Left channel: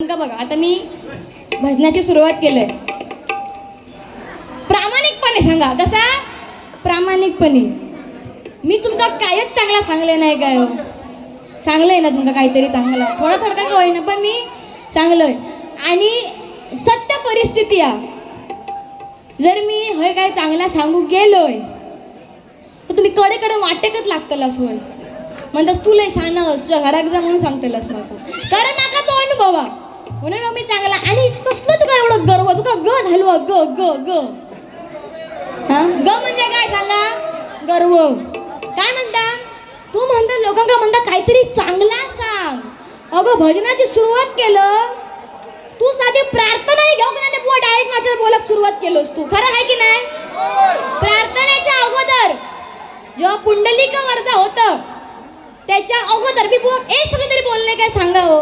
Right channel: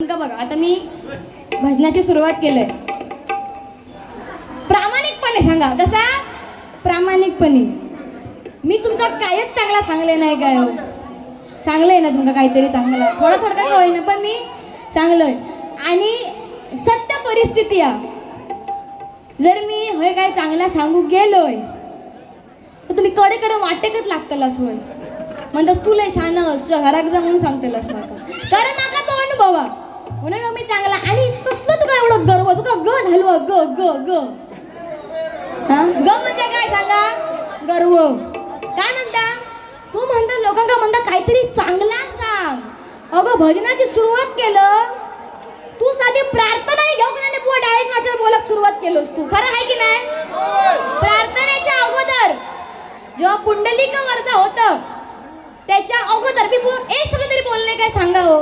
का बघा, आता मी भजनाची सुरुवात केलंय. प्रामाणिकपणे सांगा. कसा प्रामाणिकपणे? मी तुमका कायच चांगला सांगले नाही काय हो. चांगलंय ना तुमका काहीतरी चांगलं, थोडा थोडा का होईना पण मी चांगलंय. आणि सत्य परिस्थिती आहे, जर मी हे काय चांगला सांगू गेलोय तर तुम्ही कडे कडे वाटेकच लागतलास होय. म्हणतास तू लय शानस, तुझ्या घरात जा म्हणून सांगतेलास मला. कारण नाका तो अनुभवा म्हणून मग मी चांगला. आणि कसलं तुका एवढं गर्व, तुका ग झालो ग ग ग हा ग म्हणजे काय सांगा? गर्व. काय म्हणता? तू म्हणता लोकांना म्हणता काहीतरी चांगला सांग. अगं भजनाची सुरुवात केलं तू, साधी प्रार्थना घेऊ का नाही बुवा, डायरेक्ट माझ्या बोलत सुरुवात केलोस तू. खरं आहे की नाही? प्रार्थनेच्या अगोदर जेव्हा पुंडलिक वरदा होतं त्याच्या अगोदर मी बुवा एक शब्द तरी बोलले काय सांगा हो?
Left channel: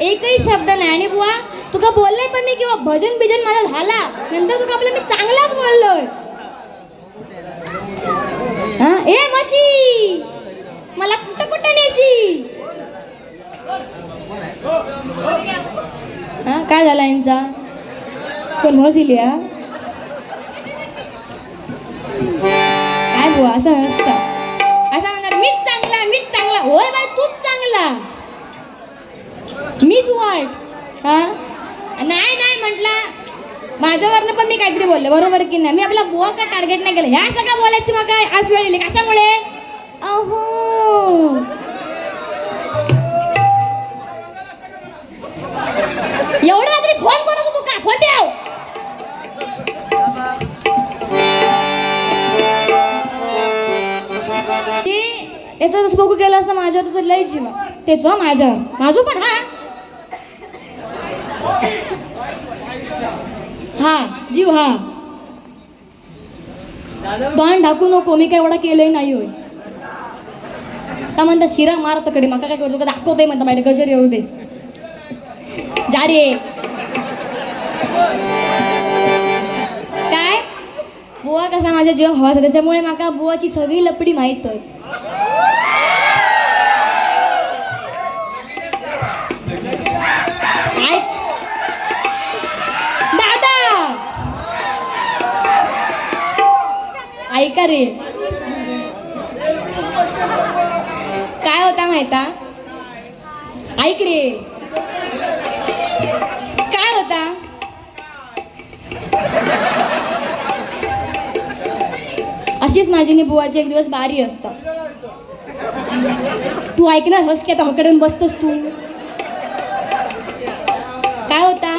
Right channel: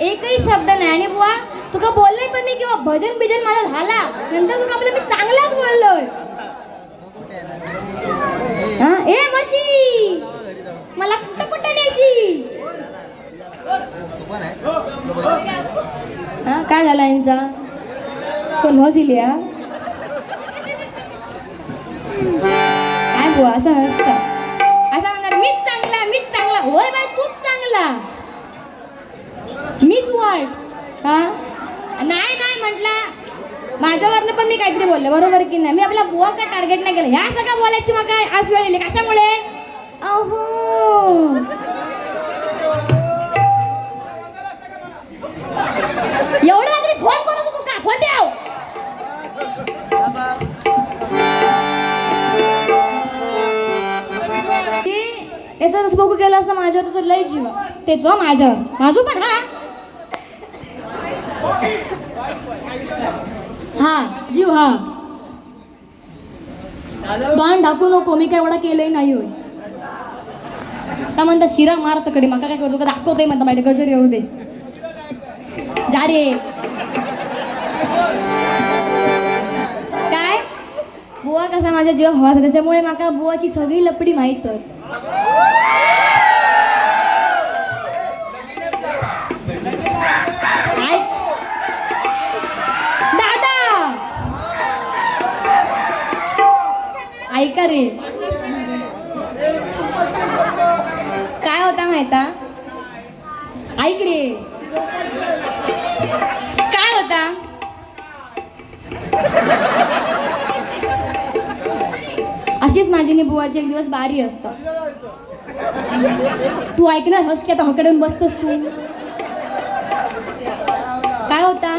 एकही शब्द नाही. आणि बुवा तुका बोलले पण नाही किंवा भजन बिजन मला झाला नंतर तुका आपलं मी चांगलाच बोललोय. हा ए मशी मला कुठं कुठं नेशी. हा काय झाला यांचा? कोण म्हसिली या काय बुवा असं नसतं. असं म्हणणार मीच चांगला मीच चांगला. होय बाई तूच चांगला मीच वाईट. हा नाही नाही म्हटला माझ्यावरनं पण मी काहीतरी बोलले बरोबर की नाही? मी आपला बुवा का टार्गेट नाही केलं. ह्या सगळं बोलायची मग काय आज वेळ येईल कशामुळे? अहो एवढं रात्री फोन करत होतो का? फोन ठेव. याचा जसं बघू गेलं असतं माझ्यावर तसं लय जीव तेच हो माझ्यावर माझू पण. हा जीव हा तोंड ढाकू नको. मी काय एवढा केलंय नाही होय. का म्हणता शिरा मारत कडे मका काय करतो का दाखवते म्हणता माझ्या गजर येऊ दे जा रे. काय बुवा कसा माझ्या जीव हवा त्याच्यामुळे माका बुवाची सगळी लपडी माहित. दादा ऐका रे, काय होता माहिता? ऐक रे काय होता? अशीच माझी नि बुवाची एक दिवस बारी असता. तू ऐकणार हस की आता हकडून बसतोस तू. काय होता?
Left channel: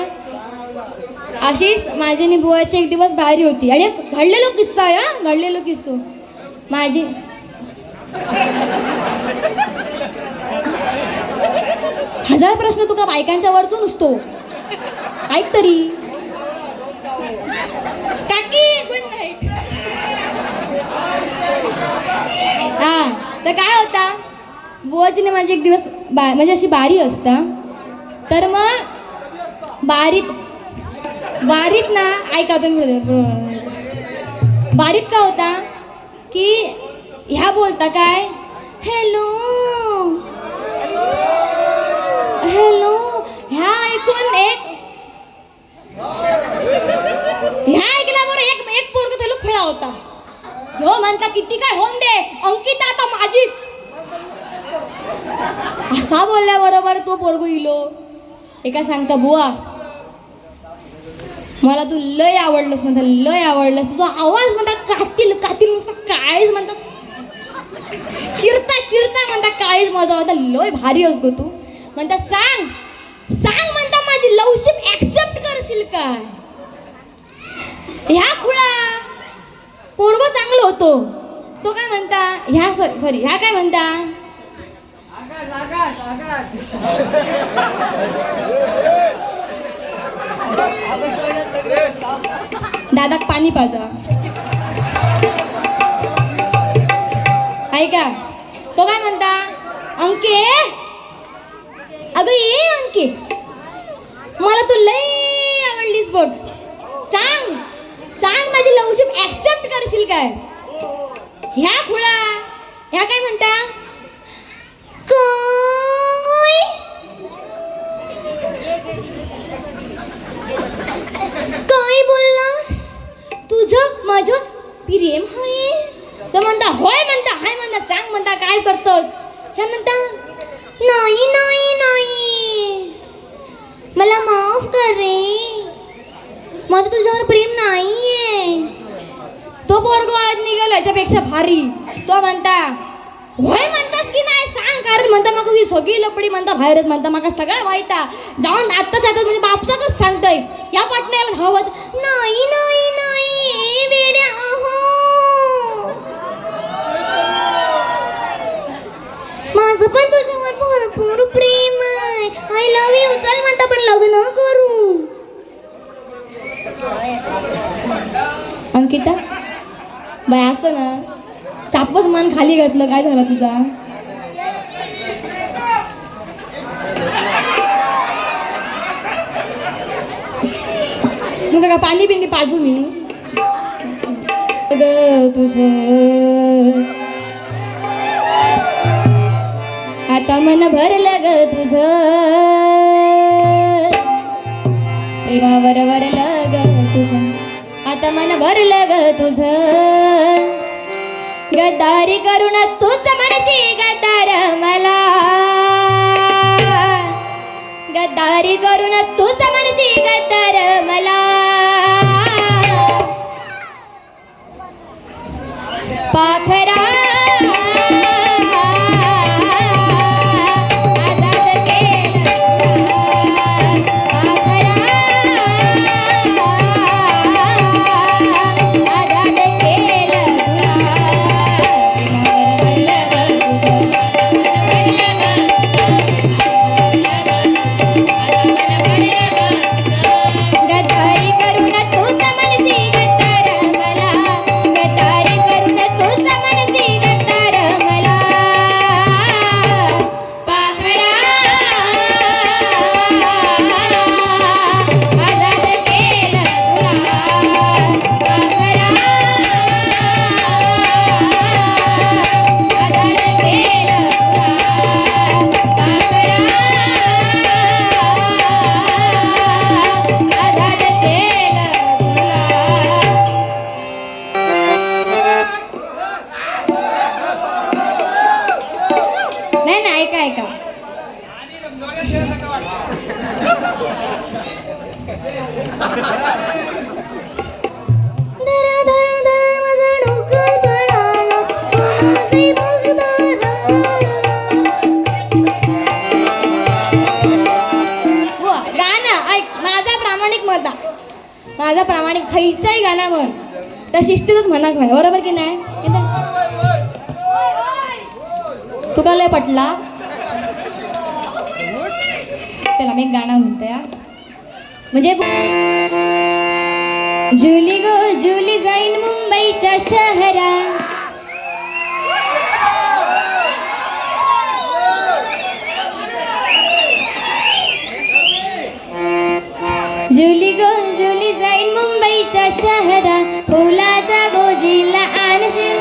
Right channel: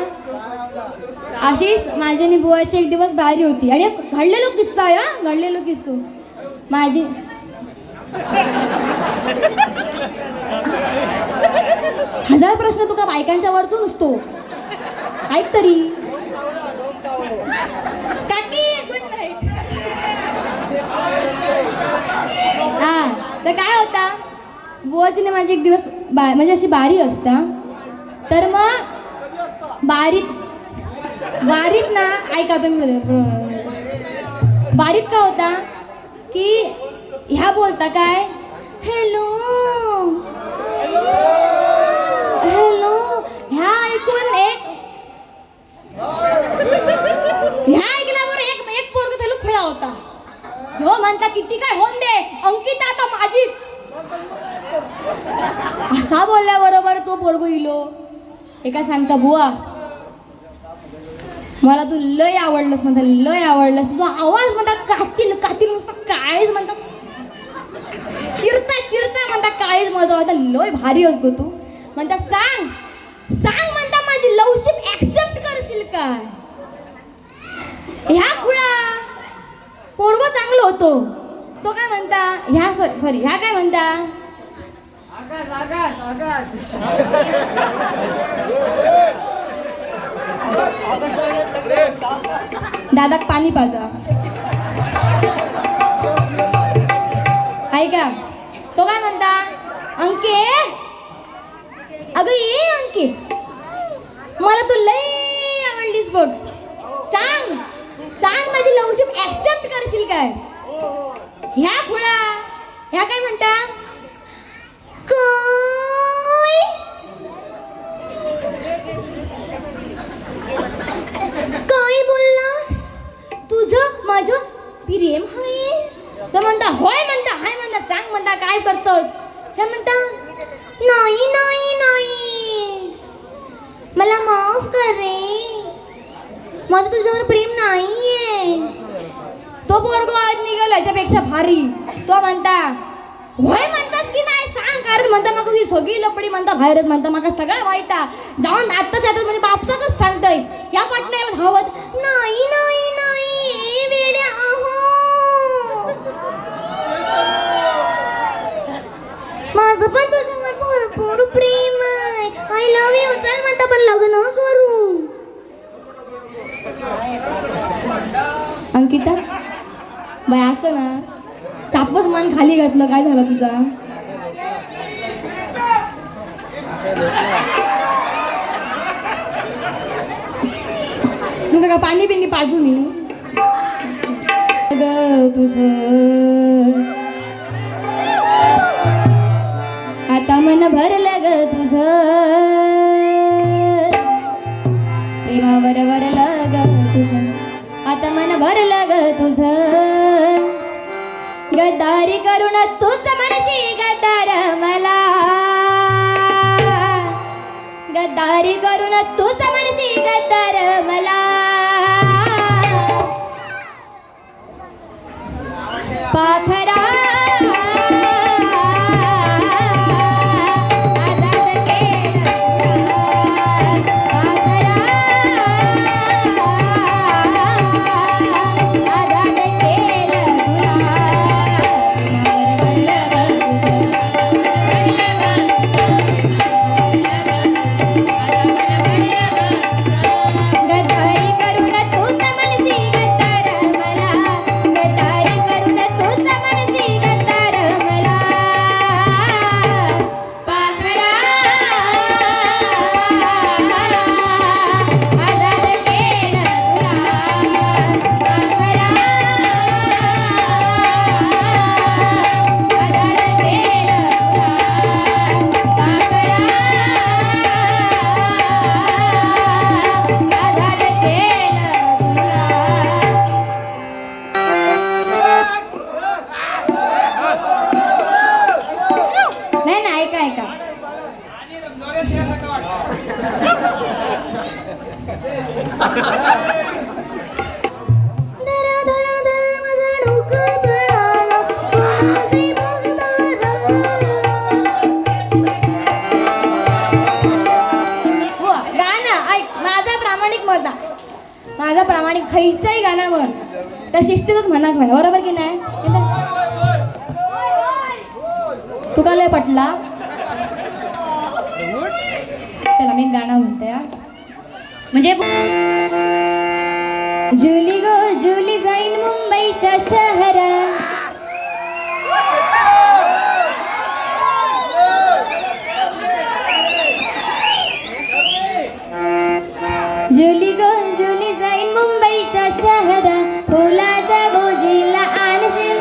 अशीच माझी नि बुवाची एक दिवस बारी होती. आणि घडलेलो किस्सा आहे हा, घडलेलो किस्सो माझी. हजार प्रश्न तुका बायकांच्या वरचून नसतो. ऐक तरी काकी गुड नाईट. हा तर काय होता, बुवाची माझी एक दिवस म्हणजे अशी बारी असता. तर मग बारीत ना ऐका तुम्ही, बारीत का होता की ह्या बोलता काय हॅलो हॅलो. ह्या ऐकून ह्या ऐकल्यावर एक पोरग त्याला खुळा होता. जो म्हणता किती काय होऊन दे अंकिता आता माझीच. असा बोलल्याबरोबर तो पोरगो इलो. एका सांगता बुवा मला तू लय आवडलंस म्हणता, लय आवडलंस. तुझा आवाज म्हणता कातील कातील नुसतं काळीच म्हणता, चिरता चिरता म्हणता काळीच माझा म्हणता लय भारी असतो तू म्हणता. सांग सांग म्हणता माझी लवशिप ऍक्सेप्ट करशील का? ह्या खुळा पोरगो चांगलं होतो. तो काय म्हणता ह्या सॉरी ह्या काय म्हणता दादाक पाणी पाजा ऐका. तो काय म्हणता अंके अगं ये अंके मला तू लय आवडलीस बघ. सांग सांग माझी लवशिप ऍक्सेप्ट करशील काय? ह्या खुळा ह्या काय म्हणता काय माझं तुझ्यावर प्रेम नाहीये. तो पोरगो आज निघाला याच्यापेक्षा भारी. तो म्हणता होय म्हणतास की नाही सांग, कारण म्हणता मग ही सगळी लपडी म्हणता बाहेरच म्हणता मग सगळं माहिता जाऊन आत्ताच आता म्हणजे बापसाकच सांगतय या पाटण्याला धावत नाही नाही नाही वेड्या अहो माझं पण तुझ्यावर भरपूर प्रेम आहे. I love you. चल म्हणता पण लग्न करू. अंकिता बाय असं ना सापच मान खाली घातलं. काय झालं तुझा? तुझं का पाणी बिनी पाजू मी तुझं आता मन भरलं ग तुझं प्रेमावर वरलं ग तुझं आता मन भरलं ग तुझं गद्दारी करून तूच मनशी गद्दार मला गद्दारी करून तूच मनशी गद्दार मला पाखरा माझा प्रामाणिक खैचाही गाणं म्हण तर शिस्तीतच म्हणा काय बरोबर की नाही. तुका लय पटला. चला मी एक गाणं म्हणते म्हणजे जुली गो जुली जाईन मुंबईच्या शहरा जुली गो जुली जाईन मुंबईच्या शहरा फुलाचा गोजीला आणशील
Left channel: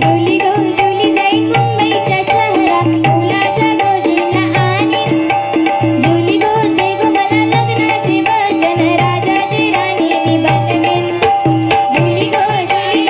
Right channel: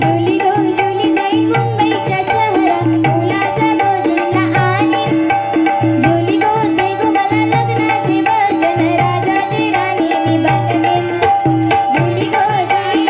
जुली गो जुली जाईन मुंबईच्या शहरा फुलाचा गोजीला आणीन जुली गो दे गो मला लग्नाचे वचन राजाची राणी मी बनवेन जुली गो जुली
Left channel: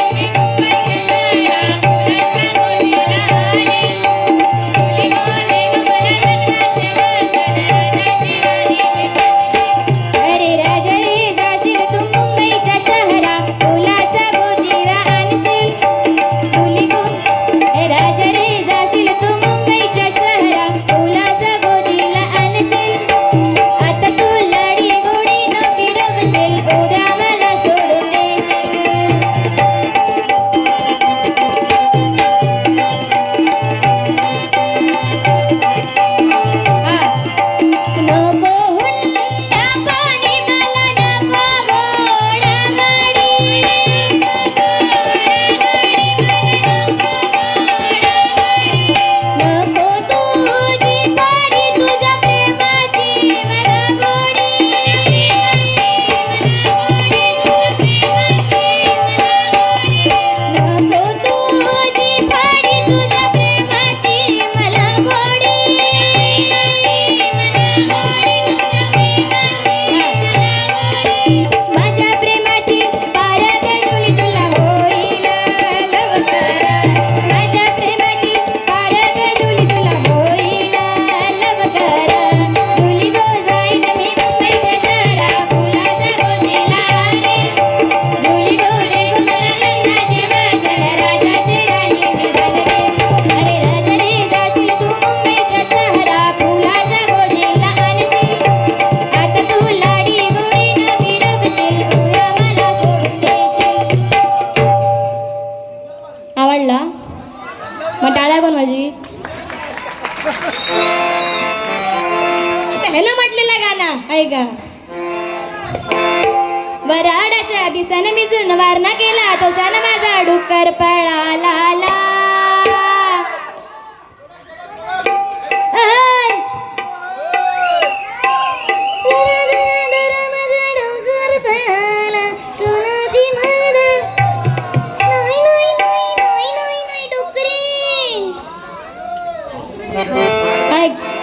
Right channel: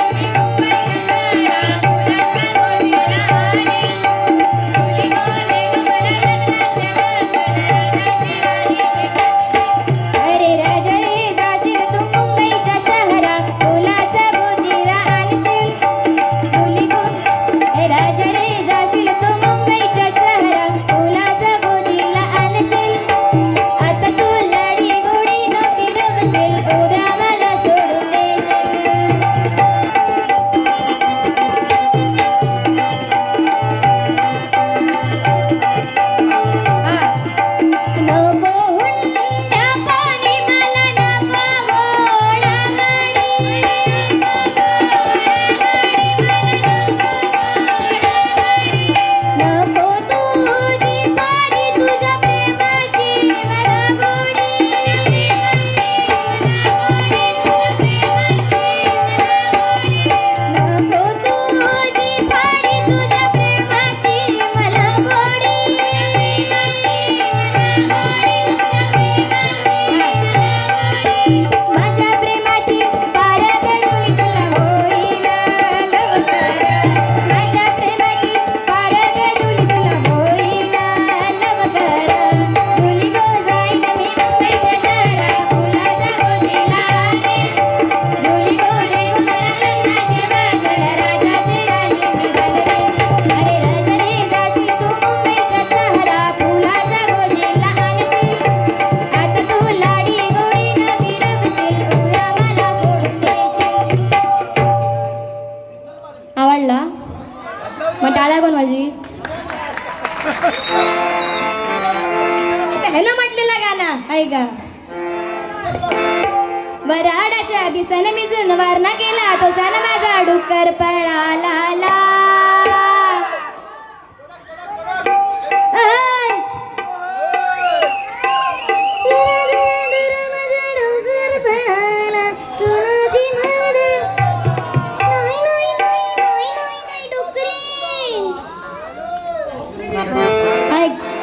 ह्यानं म्हटलेला गाणं ऐका. वराडाच्या दिसन मी वारणा केला तो सन माझा डुक्कर पळाला.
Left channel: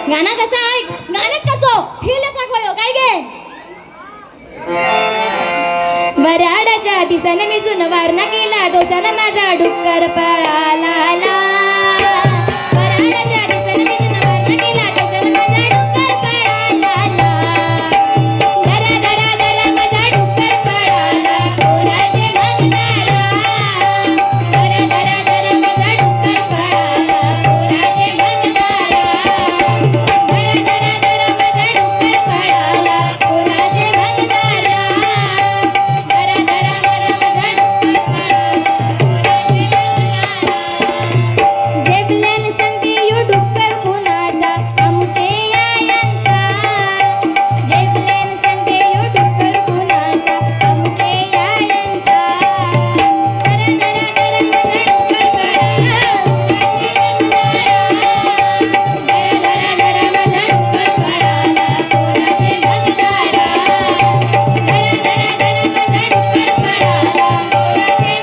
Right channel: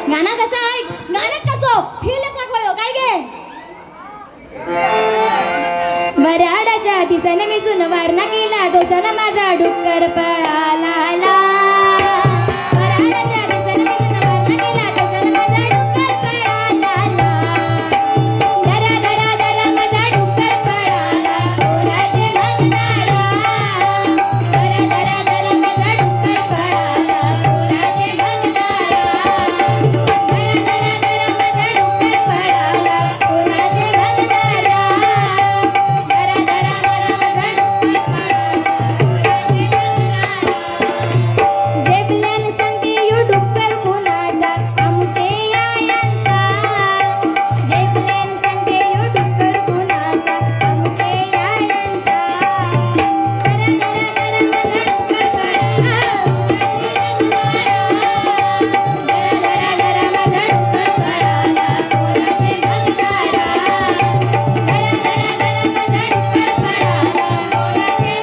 गाणं कसं ऐक गाण्यात कसं फील असा काय गे. वराडाच्या दिसन मी वारणा केला दोषाला माझा डुक्कर पळाला. वराडाच्या दिसन मी वारणा केला दोषाला माझा डुक्कर पळाला. दरा दरा दरा माझा डुक्कर पळाला कोणाचे बघणारा. दरा दरा दरा माझा डुक्कर पळाला कोणाचे बघणारा. दरा दरा दरा माझा डुक्कर पळाला कोणाचे बघणारा. जेबल्यान सांगते यो डुक्कर कुणाचा आमचे आयांचा. जेबल्यान सांगते यो डुक्कर कुणाचा आमचे आयांचा. दरा दरा दरा माझा डुक्कर पळाला. दरा दरा दरा माझा डुक्कर पळाला कोणाचे बघणारा. दरा दरा दरा माझा डुक्कर पळाला कोणाचे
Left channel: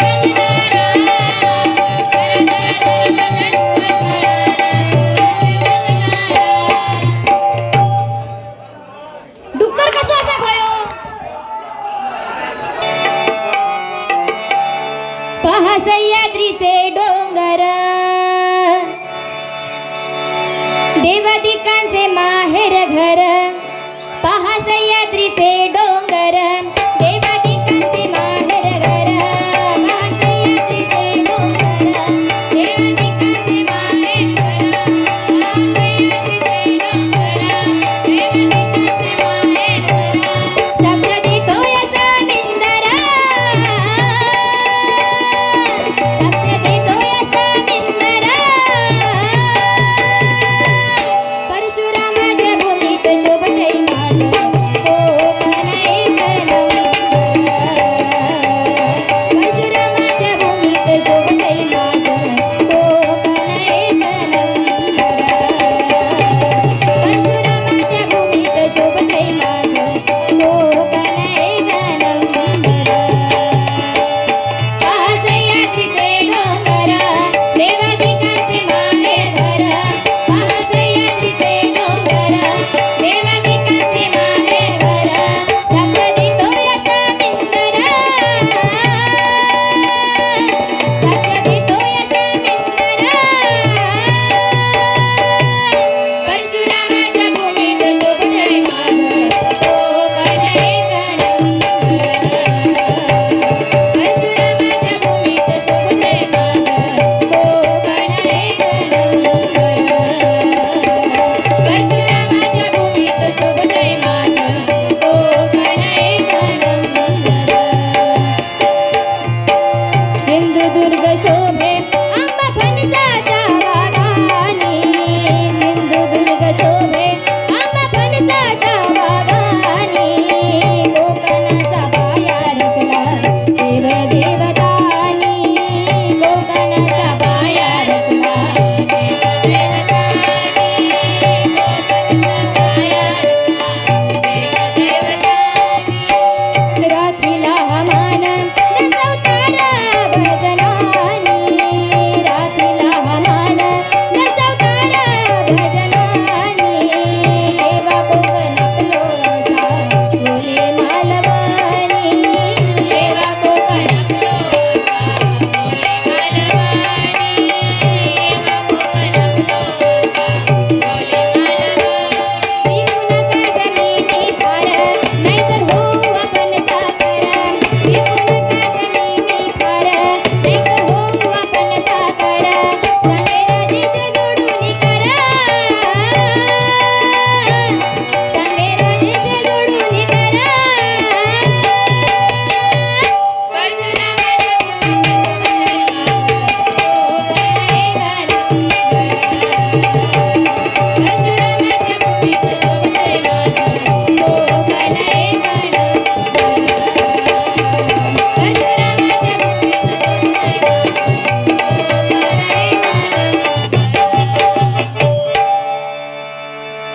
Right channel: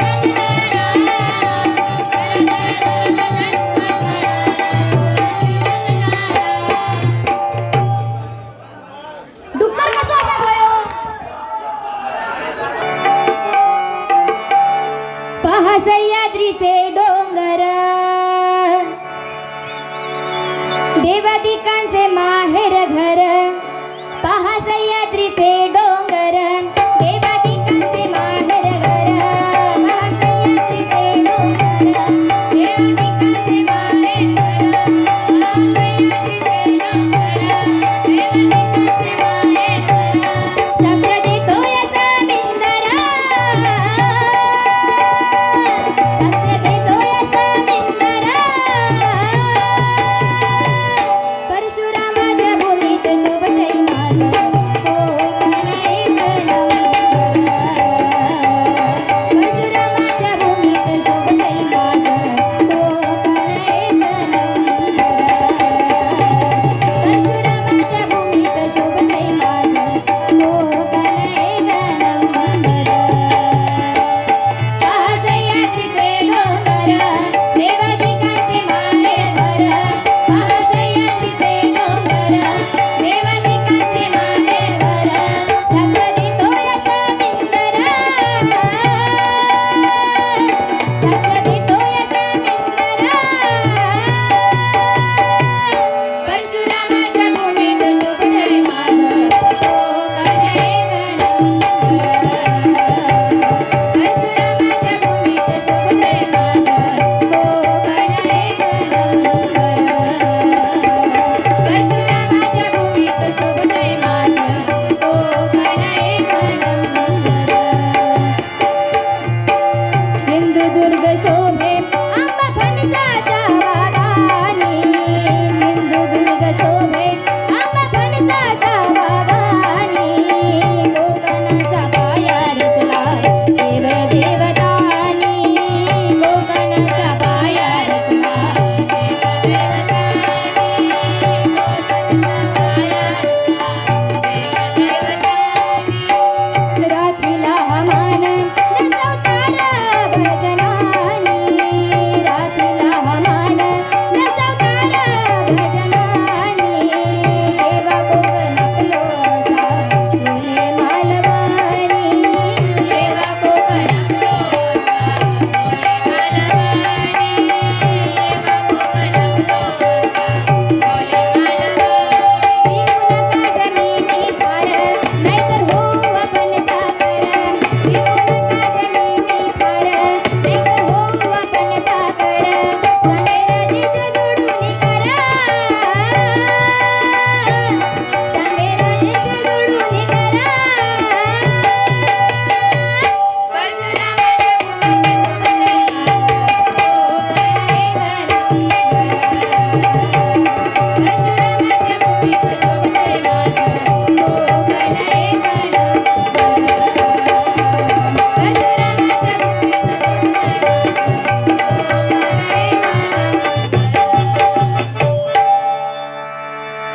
डुक्कर कसं असा गयो. पहा सह्याद्रीचे डोंगर देवादिकांचे माहेर घर. पहा सह्याद्रीचे डोंगर देवादिकांचे माहेर घर. पहा सह्याद्रीचे डोंगर देवादिकांचे माहेर घर. पहा सह्याद्रीचे डोंगर देवादिकांचे माहेर घर. साक्ष देतो याचा मिंदरा. साक्ष देतो याचा मिंदरा. परशुरामाच्या भूमीत शोभते माझं कोकण.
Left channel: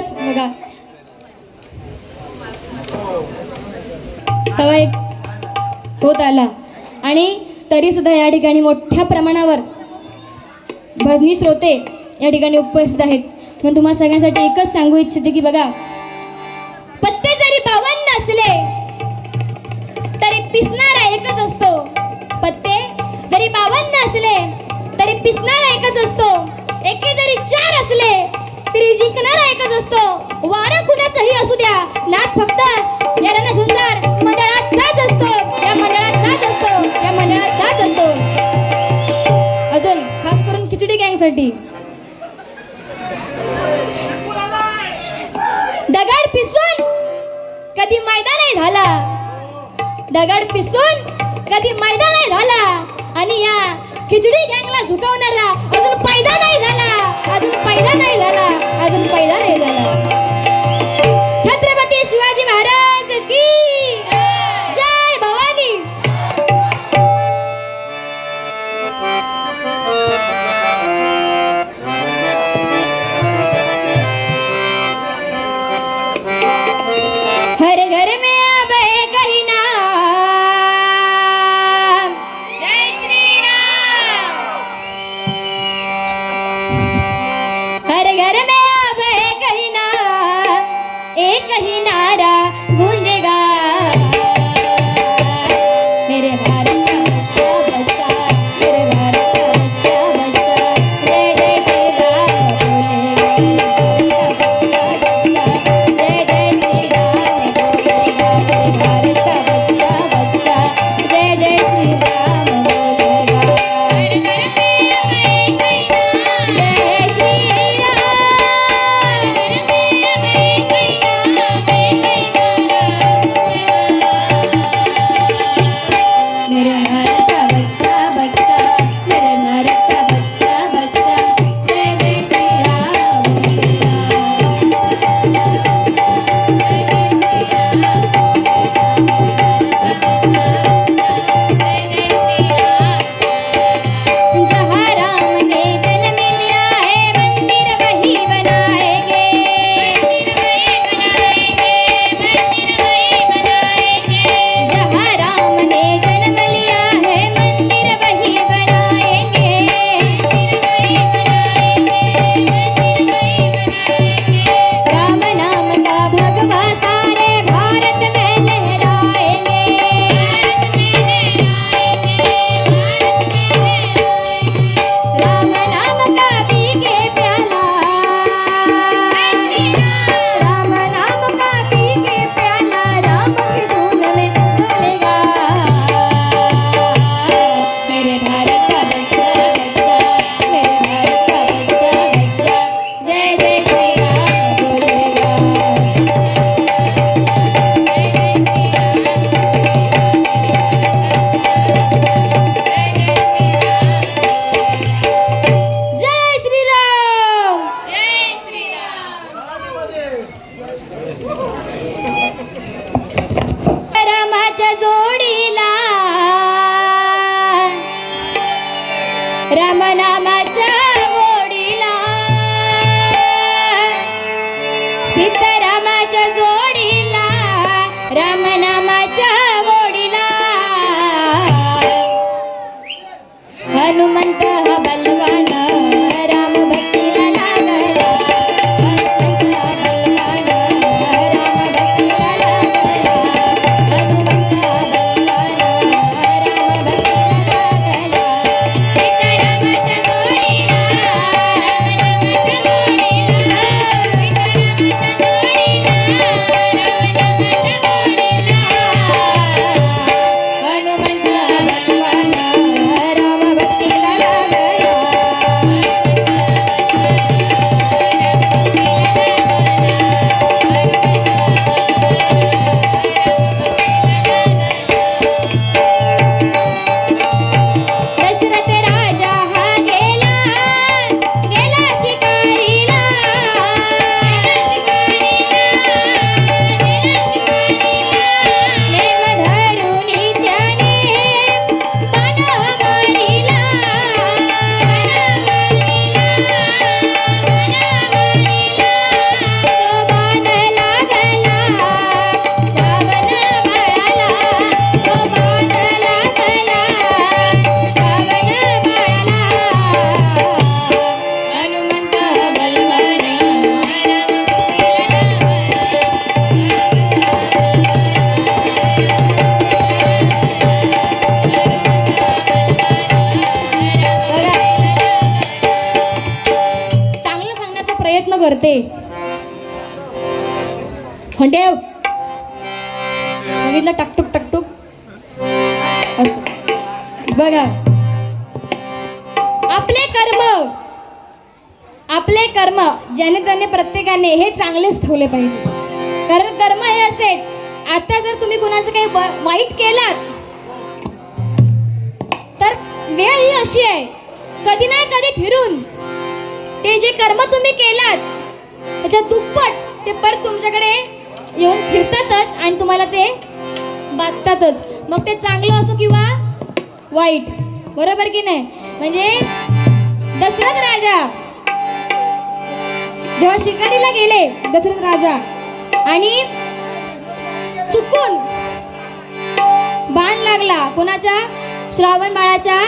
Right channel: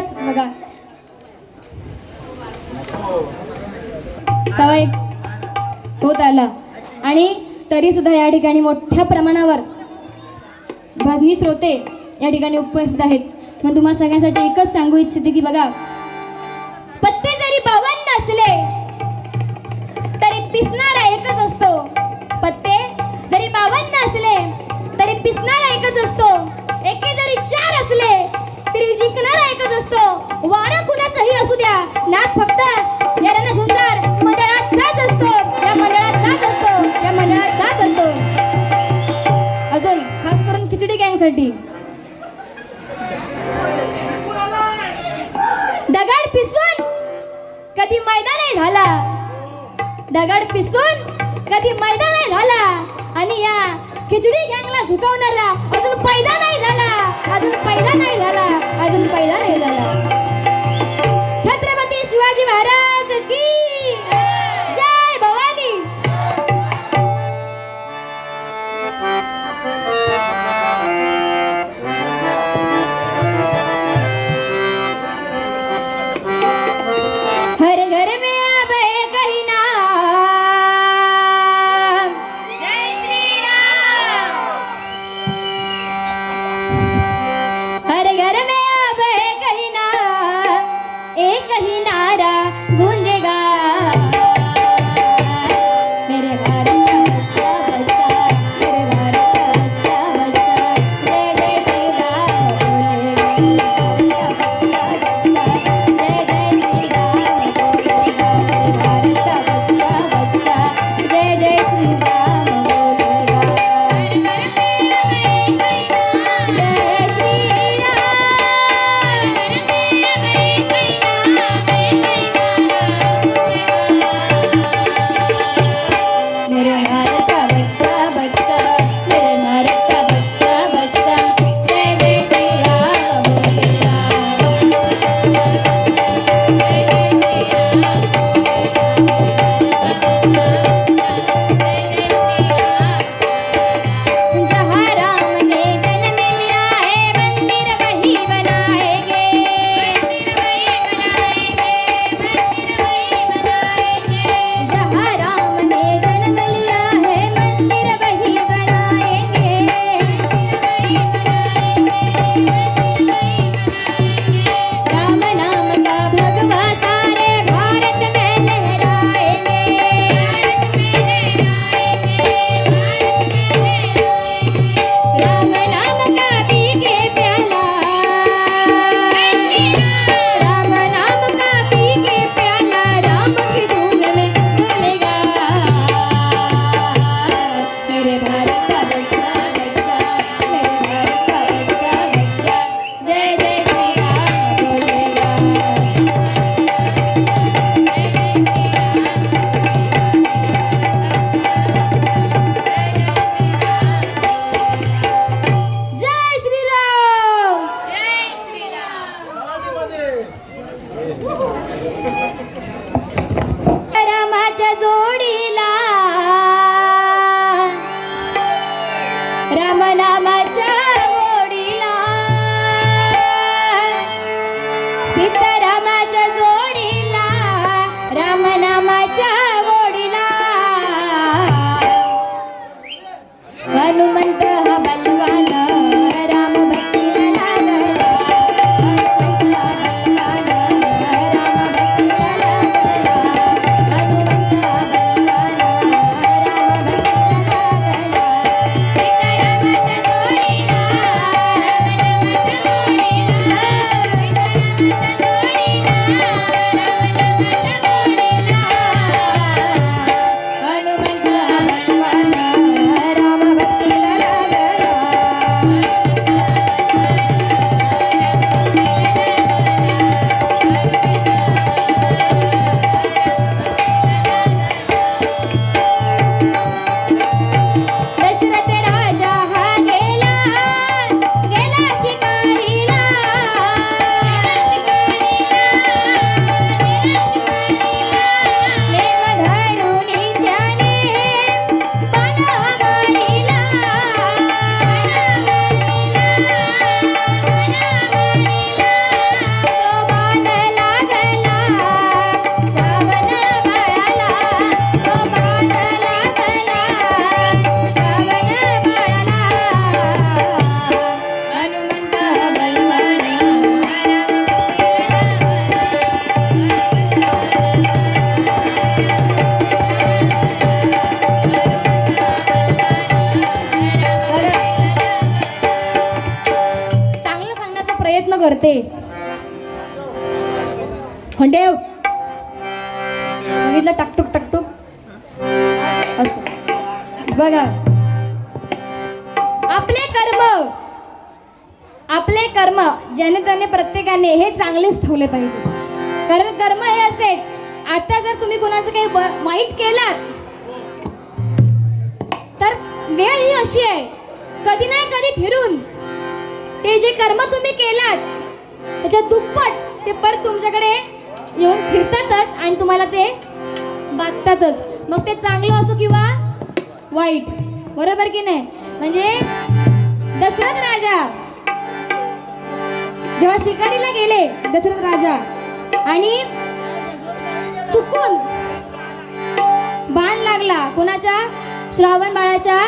उपवास बघा सवय होत आला आणि तरी सुद्धा या ठिकाणी मोठ्या प्रमाणावर भजनी श्रोते या ठिकाणी उपस्थित आहेत. म्हणून तुम्हा सगळ्यांसाठी एकच सांगू इच्छिते की बघा, पत्ते जरी 52 असले तरी पिसणारा एकच असतो. पत्ते जरी 52 असले तरी पिसणारा एकच असतो. एके जरी 4 असले तरी जिंकणारा एकच असतो. वारं कुणाचंही असू द्या, नाद फक्त या रणसुंदर मंडळात जात असतो. या मंडळात जात असतो. या मंडळात जात असतो. अजून खास करून खिचडी गँगसाठी दगड पिसून कधी मैदान नाही झाला. दगड पिसून कधी मैदान नाही झाला आणि या खिचडी गँगला झुकवणारा अजून पैदा नाही झाला. अजून पैदा नाही झाला. अजून पैदा नाही झाला. छत्रपती शिवाजी महाराज की जय. भवानी. हर घर में अब एक ही नाम, जय श्री राम. हर घर में अब एक ही नाम, एक ही नारा गूंजेगा. मेरे भारत का बच्चा बच्चा, मेरे भारत का बच्चा बच्चा, जय जय श्री राम बोलेगा. जय जय श्री राम बोलेगा. मेरे भारत का बच्चा बच्चा, जय जय श्री राम बोलेगा. जय श्री मेरे भारत का बच्चा बच्चा, मेरे भारत का बच्चा बच्चा, जय जय श्री राम बोलेगा. जहाँ राम ने जन्म लिया है मंदिर वही बनाएंगे. जहाँ राम ने जन्म लिया है मंदिर वही बनाएंगे. राम नाम का भगवा सारे भारत में लहराएंगे. राम नाम का पीके प्याला, राम नाम का पीके प्याला, राम की धुन में डोलेगा. मेरे भारत का बच्चा बच्चा, मेरे भारत का बच्चा बच्चा, जय जय श्री राम बोलेगा. जय श्री राम. जय श्री राम. रामाच्या जोडीला, राम नामाच्या गोडीला, सीतारामाच्या जोडीला, राम नामाच्या गोडीला. हनुमंत हा बलवान, राम भक्तीला लागला. हनुमंत हा बलवान, राम भक्तीला लागला. हनुमंत हा बलवान, राम भक्तीला लागला. सीतारामाच्या जोडीला, रामाच्या जोडीला, सीतारामाच्या जोडीला. हंडेव बघितलं टकटुक टकटुक असं बघा. आपले कर्म ज्याने त्याने प्रत्येकाने हे चांगलेच ठेवले पाहिजे. कारण कर्म हे असे, आता जर तुम्ही कुणाचं काही वाईट केलात तर वेळ ही अशी आहे, कधी ना कधी फिरून ते जे कर्म तुम्ही केलात त्याच्या दुप्पट ते परत तुमच्याकडे येऊन फिरतातच आणि तुम्हाला ते बाधतातच. मग ते चांगलं असो किंवा वाईट, बरोबर की नाही. म्हणजे दशरथ राजा जेव्हा शिकारीला गेले, दशरथ राजा, आणि चुकून बाण लागला कोणाच्या, श्रावण बाळाच्या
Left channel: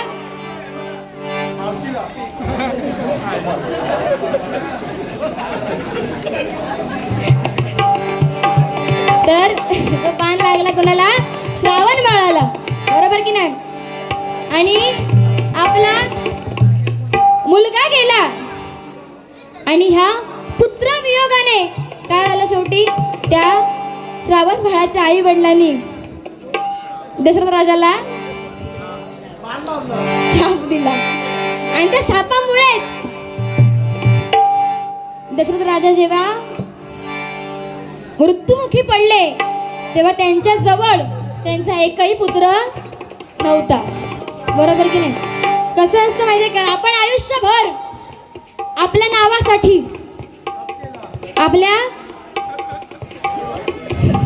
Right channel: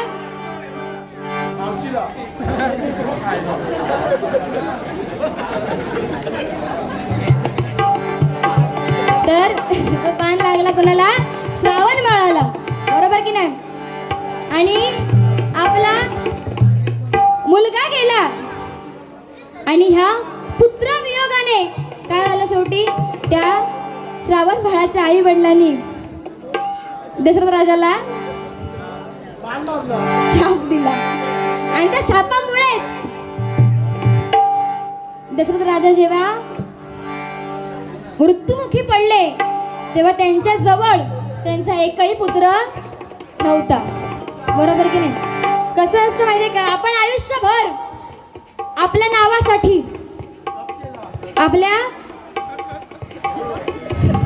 तर बाण लागला कोणाला, श्रावण बाळाला, बरोबर की नाही. आणि आपला मुलगा गेला आणि ह्या पुत्रवियोगाने काय झालं, शेवटी त्या श्रावण बाळाच्या आई वडिलांनी दशरथ राजाला शाप दिला. आणि त्या शापामुळेच दशरथ राजा जेव्हा मृत्युमुखी पडले तेव्हा त्यांच्या जवळ त्यांचा एकही पुत्र नव्हता, बरोबर की नाही. कसं असतं माहितीये का, आपण आयुष्यभर आपल्या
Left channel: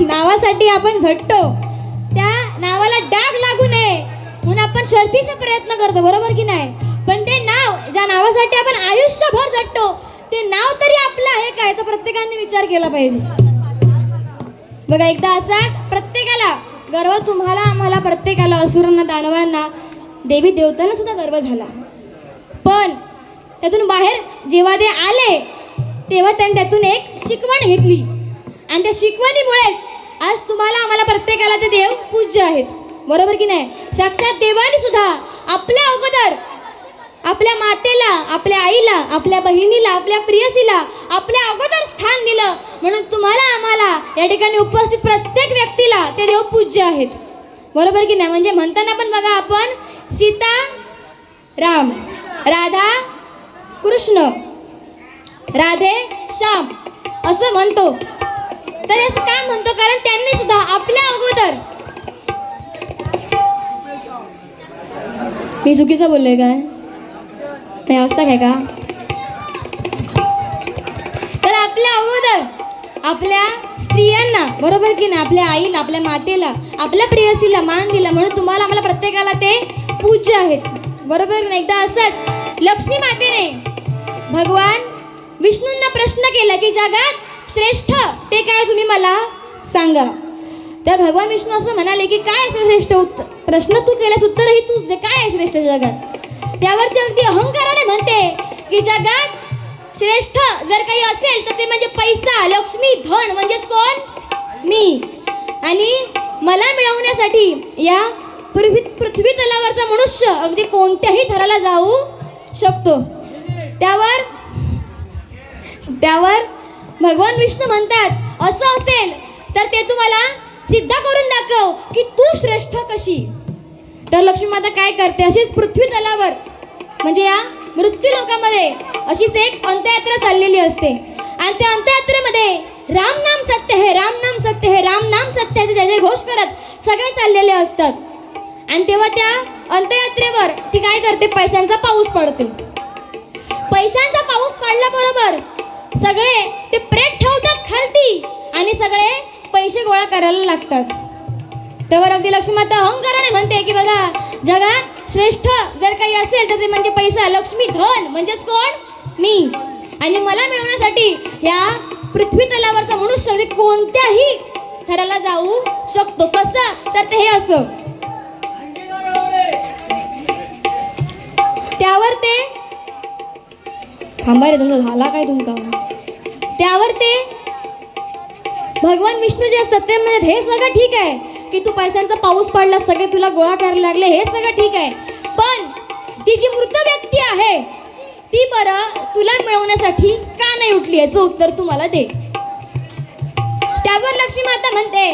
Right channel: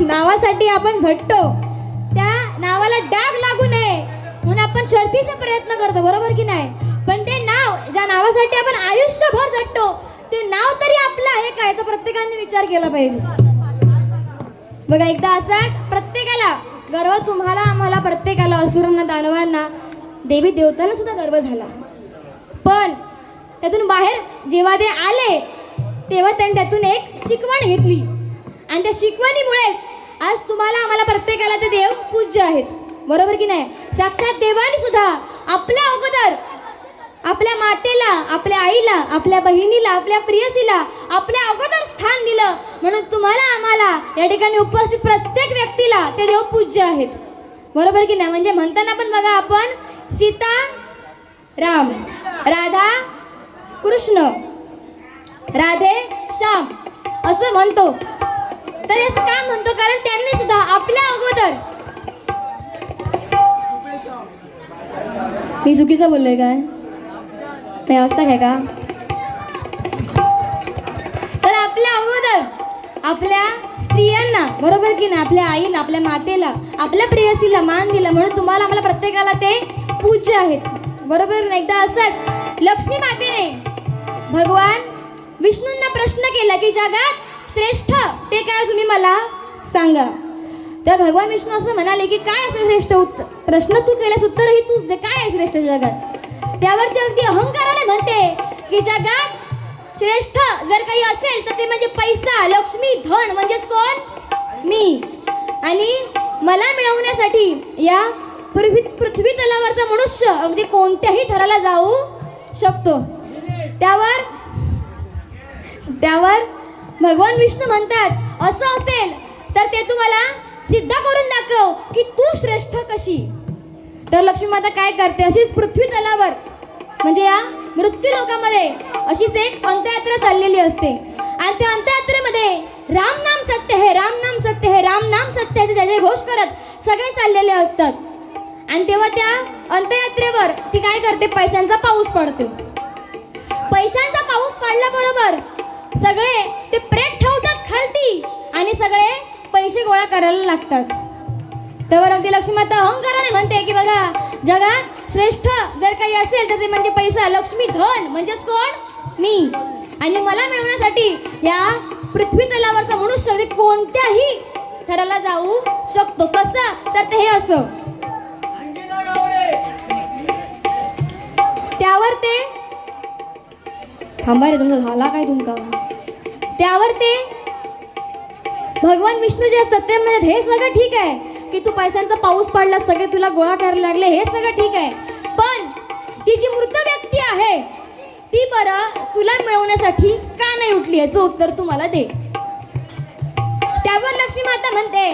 नावासाठी आपण झटतो, त्या नावाला डाग लागू नये म्हणून आपण शर्थीचा प्रयत्न करतो, बरोबर की नाही. पण ते नाव ज्या नावासाठी आपण आयुष्यभर झटतो ते नाव तरी आपलं आहे का, याचा प्रत्येकाने विचार केला पाहिजे. बघा, एकदा असाच प्रत्येकाला गर्व, तुम्हाला आम्हाला प्रत्येकाला, असुरांना, दानवांना, देवी देवतांना सुद्धा गर्व झाला. पण त्यातून बाहेर जेव्हा ते आले तेव्हा त्यांनी त्यातून एक शिकवण घेतली आणि त्या शिकवणीमुळेच आज तुम्हाला आम्हाला प्रत्येकाला ते देव पूज्य आहेत, बरोबर की नाही. साक्षात देवाने सुद्धा आपल्या अगोदर आपल्या मातेला, आपल्या आईला, आपल्या बहिणीला, आपल्या प्रियसीला आपल्या अगोदर स्थान दिलं. म्हणून तुम्हाला आम्हाला या ठिकाणी उपस्थित प्रत्येक व्यक्तीला ते देव पूज्य आहेत, बरोबर की नाही. म्हणजे म्हणताना पण बघा, आपण सीता राम, राधा कृष्ण, राधे श्याम असं म्हणतो. तर असं का म्हणतो, कारण त्यांनी सुद्धा आपल्या अगोदर, मी चुकीचं बोलले काय, हे असतं काय का, तर आपल्या अगोदर आपल्या स्त्रियांना, बरोबर की नाही, आपल्या आईला, आपल्या मातेला, आपल्या प्रेयसीला मान दिला. म्हणून तुम्हाला आम्हाला प्रत्येकाला ते पूज्य आहेत, बरोबर ना. एकदा असंच लक्ष्मी मातेने भगवान विष्णूंना प्रश्न केला की जगात श्रेष्ठ ते काय, तुम्ही मला सांगा. तर भगवान विष्णू असं म्हणाले की काय असं श्रेष्ठ प्रश्न तू केल्यास उत्तरही तूच दे, काय आहे श्रेष्ठ जगात. त्यावर ते अगदी अहंकाराने म्हणते की जगात श्रेष्ठ जर काही असेल तर ते म्हणजे पैसा, लक्ष्मी, धन, म्हणजेच कोण, मी. आणि मला मिळवण्यासाठी या पृथ्वी तलावरचा मनुष्य अगदी कोणत्याही थराला जाऊ शकतो. त्यावर भगवान विष्णू म्हणतात, असं असेल तर ते तुम्हाला सिद्ध करून दाखव की तू श्रेष्ठ कशी. तर लक्ष्मी माता काय करते, अशीच पृथ्वी तलावर म्हणजे या मृत्यू लोकामध्ये अशीच एक अंत्ययात्रा चाललेली असते. आणि त्या अंत्ययात्रेमध्ये राम नाम सत्य है, राम नाम सत्य है, राम नाम सत्य है जय घोष करत सगळे चाललेले असतात. आणि तेव्हा त्या अंत्ययात्रेवर ती काय करते, पैशांचा पाऊस पडते. पैशांचा पाऊस पडल्याबरोबर सगळे ते प्रेत ठेवतात खालती आणि सगळे पैसे गोळा करायला लागतात. तेव्हा अगदी लक्ष्मी माता अहंकाराने म्हणते की बघा, जगात श्रेष्ठ जर काही असेल तर ते म्हणजे पैसा, लक्ष्मी, धन, म्हणजेच कोण, मी. आणि मला मिळवण्यासाठी या पृथ्वी तलावरचा मनुष्य अगदी कोणत्याही थराला जाऊ शकतो. कसं, तर ते हे असं. त्यावर ते थांबा रे, तुमचा झाला काय तुमका. त्यावर ते भगवान विष्णू जे असतात ते म्हणजे हे सगळं ठीक आहे की तू पैशांचा पाऊस पडला, सगळे तुला गोळा करायला लागले, हे सगळं ठीक आहे. पण ती जी मृत व्यक्ती आहे ती बरं तुला मिळवण्यासाठी का नाही उठली, याचं उत्तर तू मला दे. त्यावर त्यावर लक्ष्मी माता म्हणते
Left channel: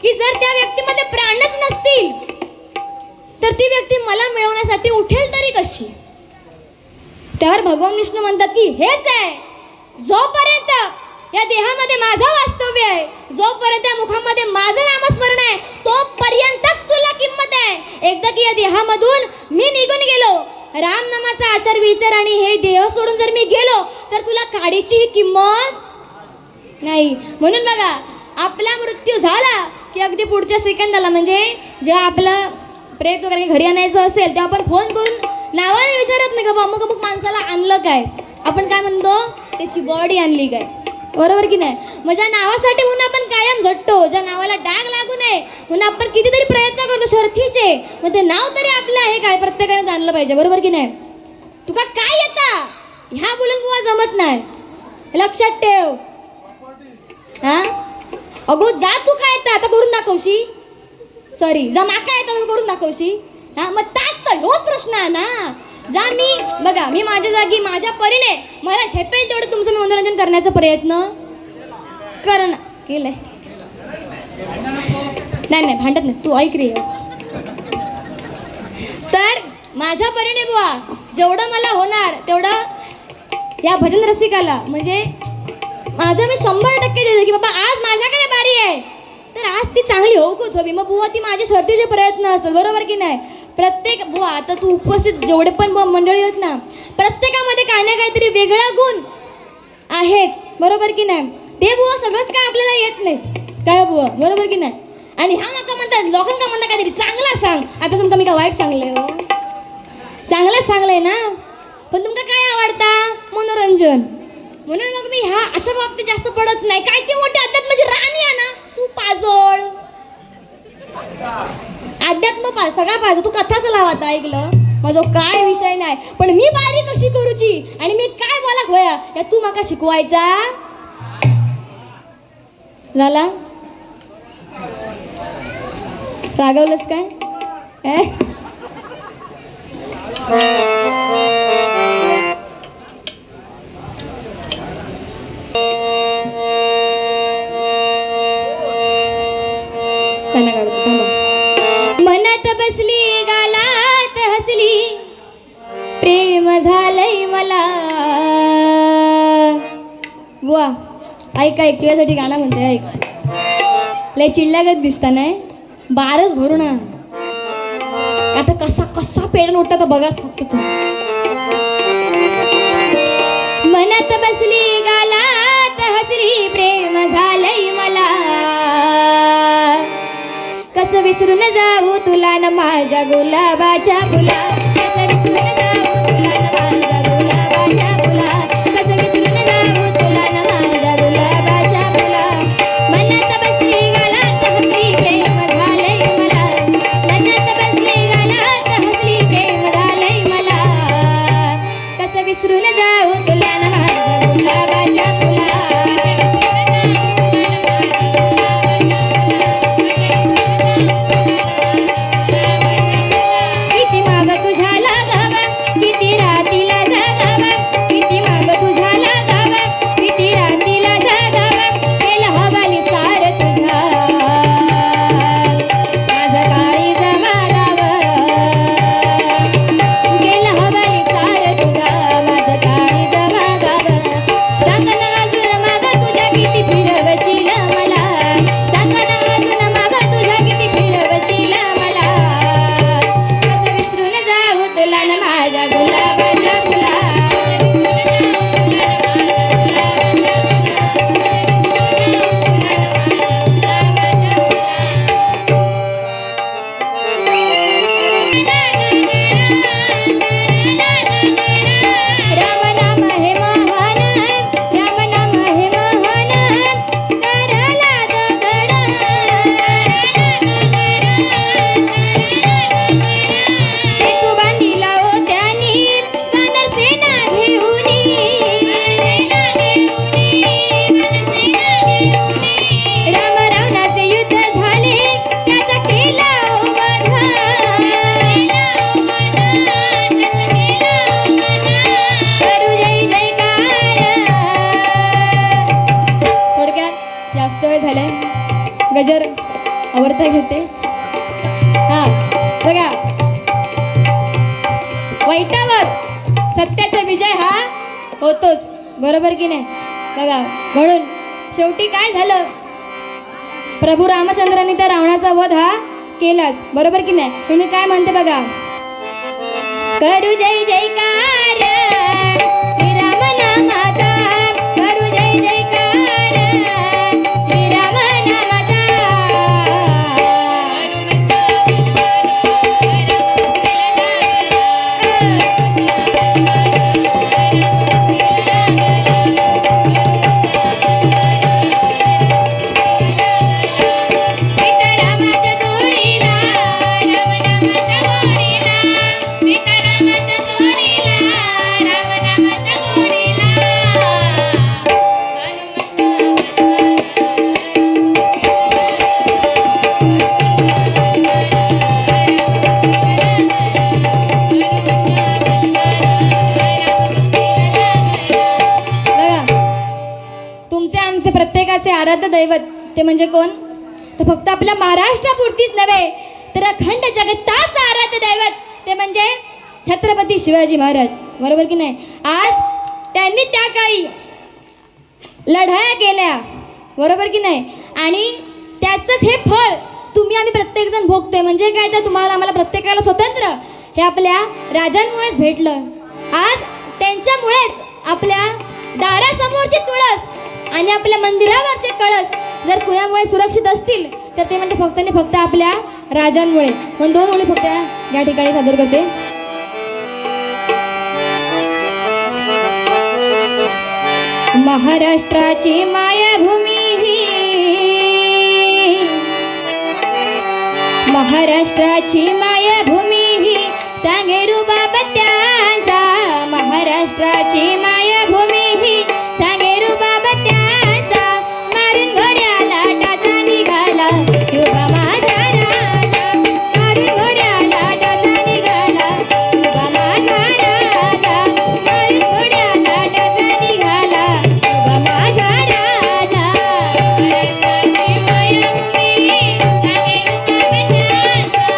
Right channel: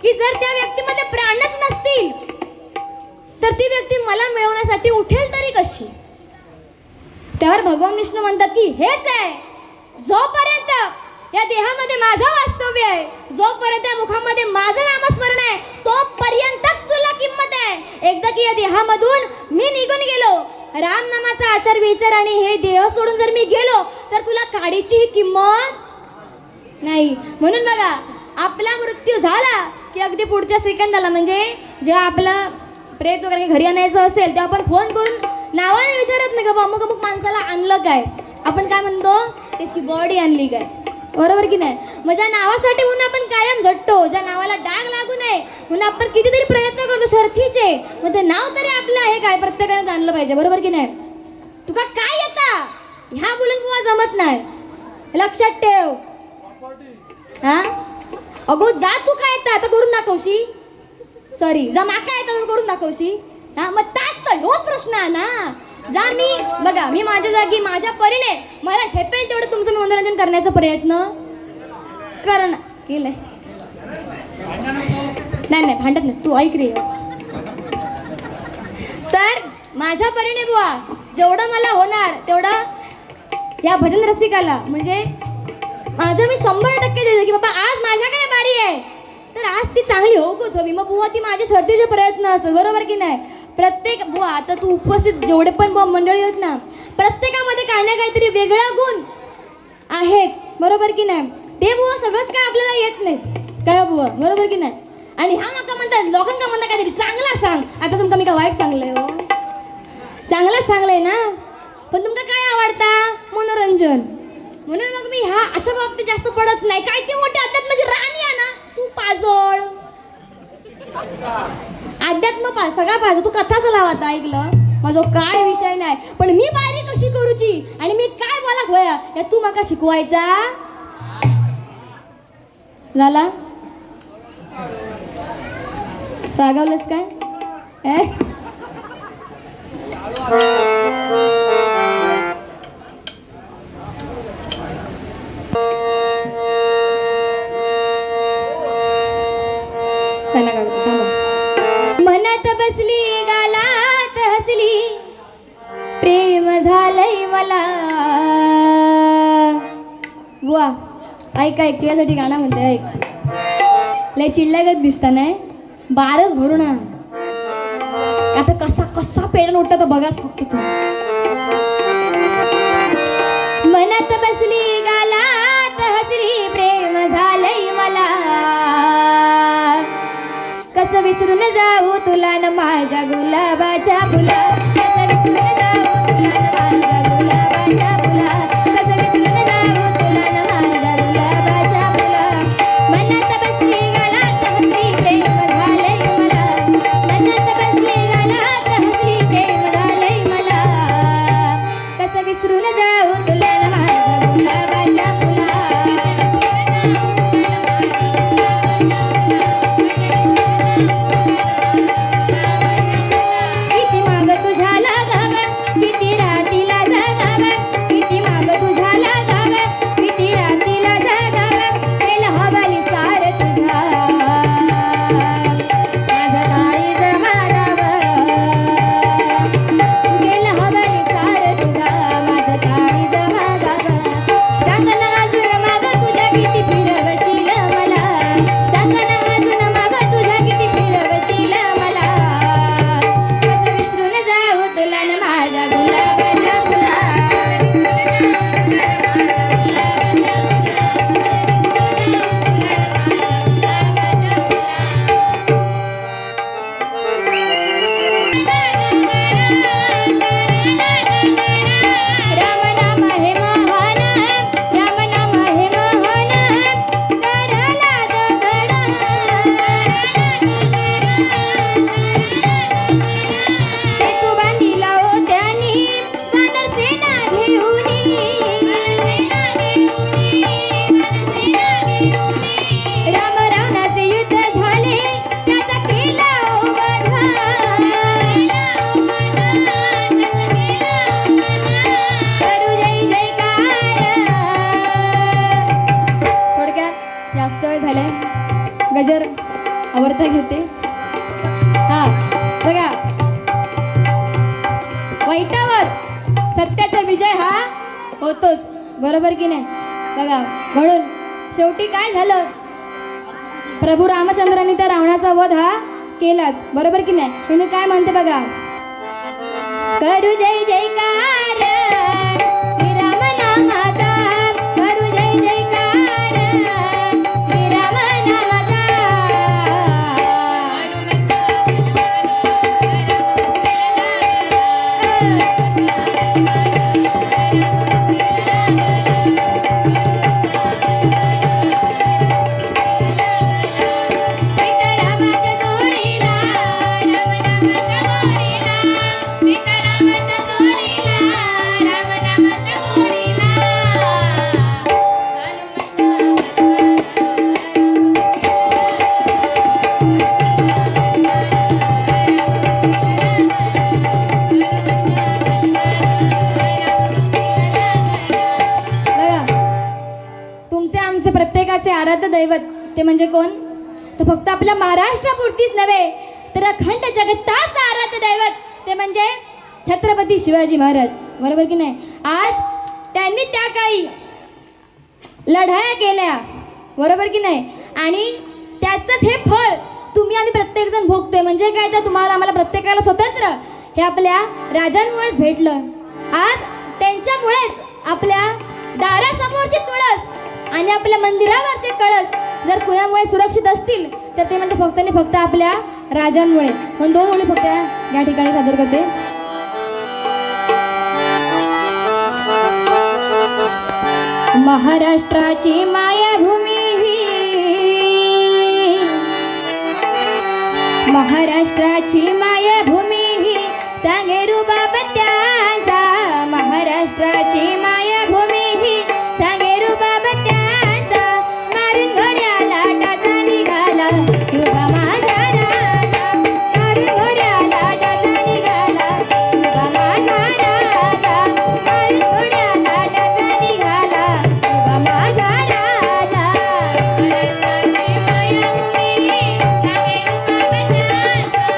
की जर त्या व्यक्तीमध्ये प्राणच नसतील तर ती व्यक्ती मला मिळवण्यासाठी उठेल तरी कशी. त्यावर भगवान विष्णू म्हणतात की हेच आहे, जोपर्यंत या देहामध्ये माझं वास्तव्य आहे, जोपर्यंत या मुखामध्ये माझं नामस्मरण आहे, तोपर्यंतच तुला किंमत आहे. एकदा की या देहामधून मी निघून गेलो, राम नामाचा आचार विचार आणि हे देह सोडून जर मी गेलो तर तुला काडीची किंमत नाही. म्हणून बघा, आपला मृत्यू झाला की अगदी पुढच्या सेकंदाला, म्हणजे जेव्हा आपला प्रेत वगैरे घरी आणायचं असेल तेव्हा आपण फोन करून नावाने विचारत नाही का बा अमुक अमुक माणसाला आणलं काय, आपण काय म्हणतो, त्याची बॉडी आणली काय. बरोबर की नाही. मग ज्या नावासाठी म्हणून आपण कायम झटतो, ज्या नावाला डाग लागू नये म्हणून आपण कितीतरी प्रयत्न करतो शर्थीचे, मग ते नाव तरी आपलं आहे काय प्रत्येकाने जाणलं पाहिजे. बरोबर की नाही. तुका काय येता ह्या बोलून बुवा जमत नाही, लक्षात ठेव. हा अगो जा, तू काय येतं आता करून दाखवशी, सॉरी जा माका येतं करून दाखवशी. हा मग तास तर होच प्रश्न आहे ना. जा, मी बघा, मी माझ्या जागी माझ्या परीने मला झेपेल तेवढं तुमचं मी मनोरंजन करण्याचा प्रयत्न करणार केलंय. नाही नाही भांडत नाही, तू ऐक रे. तर माझ्या परीने बुवा जेवढं मला होणार तेवढं या भजन रसिकाला, म्हणजे माझं मी 100% देते की बाबा आज माझ्याकडे बारी आहे तर आज ती चांगली होऊच हवी. मग बुवा ती माझे स्वतःचे प्रयत्न असतात. बरोबर की नाही. प्रत्येक बुवा आता तू उपस्थित जेवढे पण बुवा मंडळी आहेत ना, प्रत्येकामध्ये काही ना काहीतरी वेगळा गुण आहेच. बरोबर की नाही. ते बुवा सगळंच काय आपल्याला येत नाही काय बुवा. बरोबर की नाही. आणि हा मका म्हणतात लोकांना म्हणतात काहीतरी चांगला सांग. आता तुमका मी का वाईट सांगले हो, चांगलंच सांगलंय ना. पण तुमका काय आवडता, मनोरंजन. म्हणून मग मी ह्या अशा बाबतीत जास्त पडत नाही. काय ते मोठे अध्यात्माची राणी आहे ना, तू पाजोळ अध्यात्म सगळा पाहिजे. तू कथाच लावता ऐकलं माझा काय विषय नाही, पण मी बारी कशी करूची आणि मी काय बोला होया या तू माका शिकवायचा झाला. रागवलंस काय. मनात बसली गालात हसली प्रेम झालंय मला. बुवा ऐक ऐक, तुझ्यासाठी गाणं म्हणते ऐक. लय चिल्लागत दिसता नाही, बारच भरू ना. आता कसा कसा पेडून उठता तर बघाच फक्त तू. मनात बसली गालात हसली प्रेम झालंय मला, कसं विसरून जाऊ तुला न माझ्या गुलाबाच्या फुला. कसं विसरून जाऊ तुला न माझ्या गुलाबाच्या फुला. कसं विसरून जाऊ तुला न माझ्या गुलाबाच्या फुला. मनात बसली गालात हसली प्रेम झालंय मला. मनात बसली गालात हसली प्रेम झालंय मला. कसं विसरून जाऊ तुला न माझ्या गुलाबाच्या फुला. किती माग तुझ्या लागावा, किती रातीला हजर आवडता घेते. हा बघा, वाईटावर सत्याचा विजय हा होतोच, बरोबर की नाही. बघा म्हणून शेवटी काय झालं, प्रभू रामचंद्रांनी त्या रावणाचा वध हा केलाच, बरोबर की नाही. तुम्ही काय म्हणते बघा, करू जय जयकार श्रीराम नामाचा, करू जय जयकार श्रीराम नामाचा. प्रत्येकाचे आराध्य दैवत ते म्हणजे कोण, तर फक्त आपल्या महाराष्ट्रापुरतीच नव्हे तर अखंड जगताचं आराध्य दैवत ते म्हणजे छत्रपती शिवाजी महाराज, बरोबर की नाही. आज त्यांनी त्या काळी लढाया केल्या, बरोबर की नाही, आणि त्याचंच हे फळ तुम्ही आम्ही प्रत्येकजण भोगतोय. म्हणजे काय, तर तुम्हाला आम्हाला प्रत्येकाला स्वतंत्र हे आपल्या राजांमुळेच भेटलं. आज त्यांच्यामुळेच आपल्या दारासमोरची तुळस आणि आपल्या मंदिरावरचे कळस जर कुणामुळे सुरक्षित असतील तर ते म्हणजे फक्त आणि फक्त आपल्या राजांमुळे. म्हणून दोन ओळी फक्त या ठिकाणी सादर करते. महाराष्ट्राची मायभूमी ही, महाराष्ट्राची मायभूमी ही सांगे रुबाब त्यांचा, महाराष्ट्राची मायभूमी ही सांगे रुबाब त्यांचा. मारून घोड्याला टाचा निघाला शुभ माझा राजा, मारून घोड्याला टाचा निघाला शुभ माझा राजा, मारून घोड्याला टाचा निघाला शुभ माझा राजा. महाराष्ट्राची मायभूमी सांगे रुबाब त्यांचा,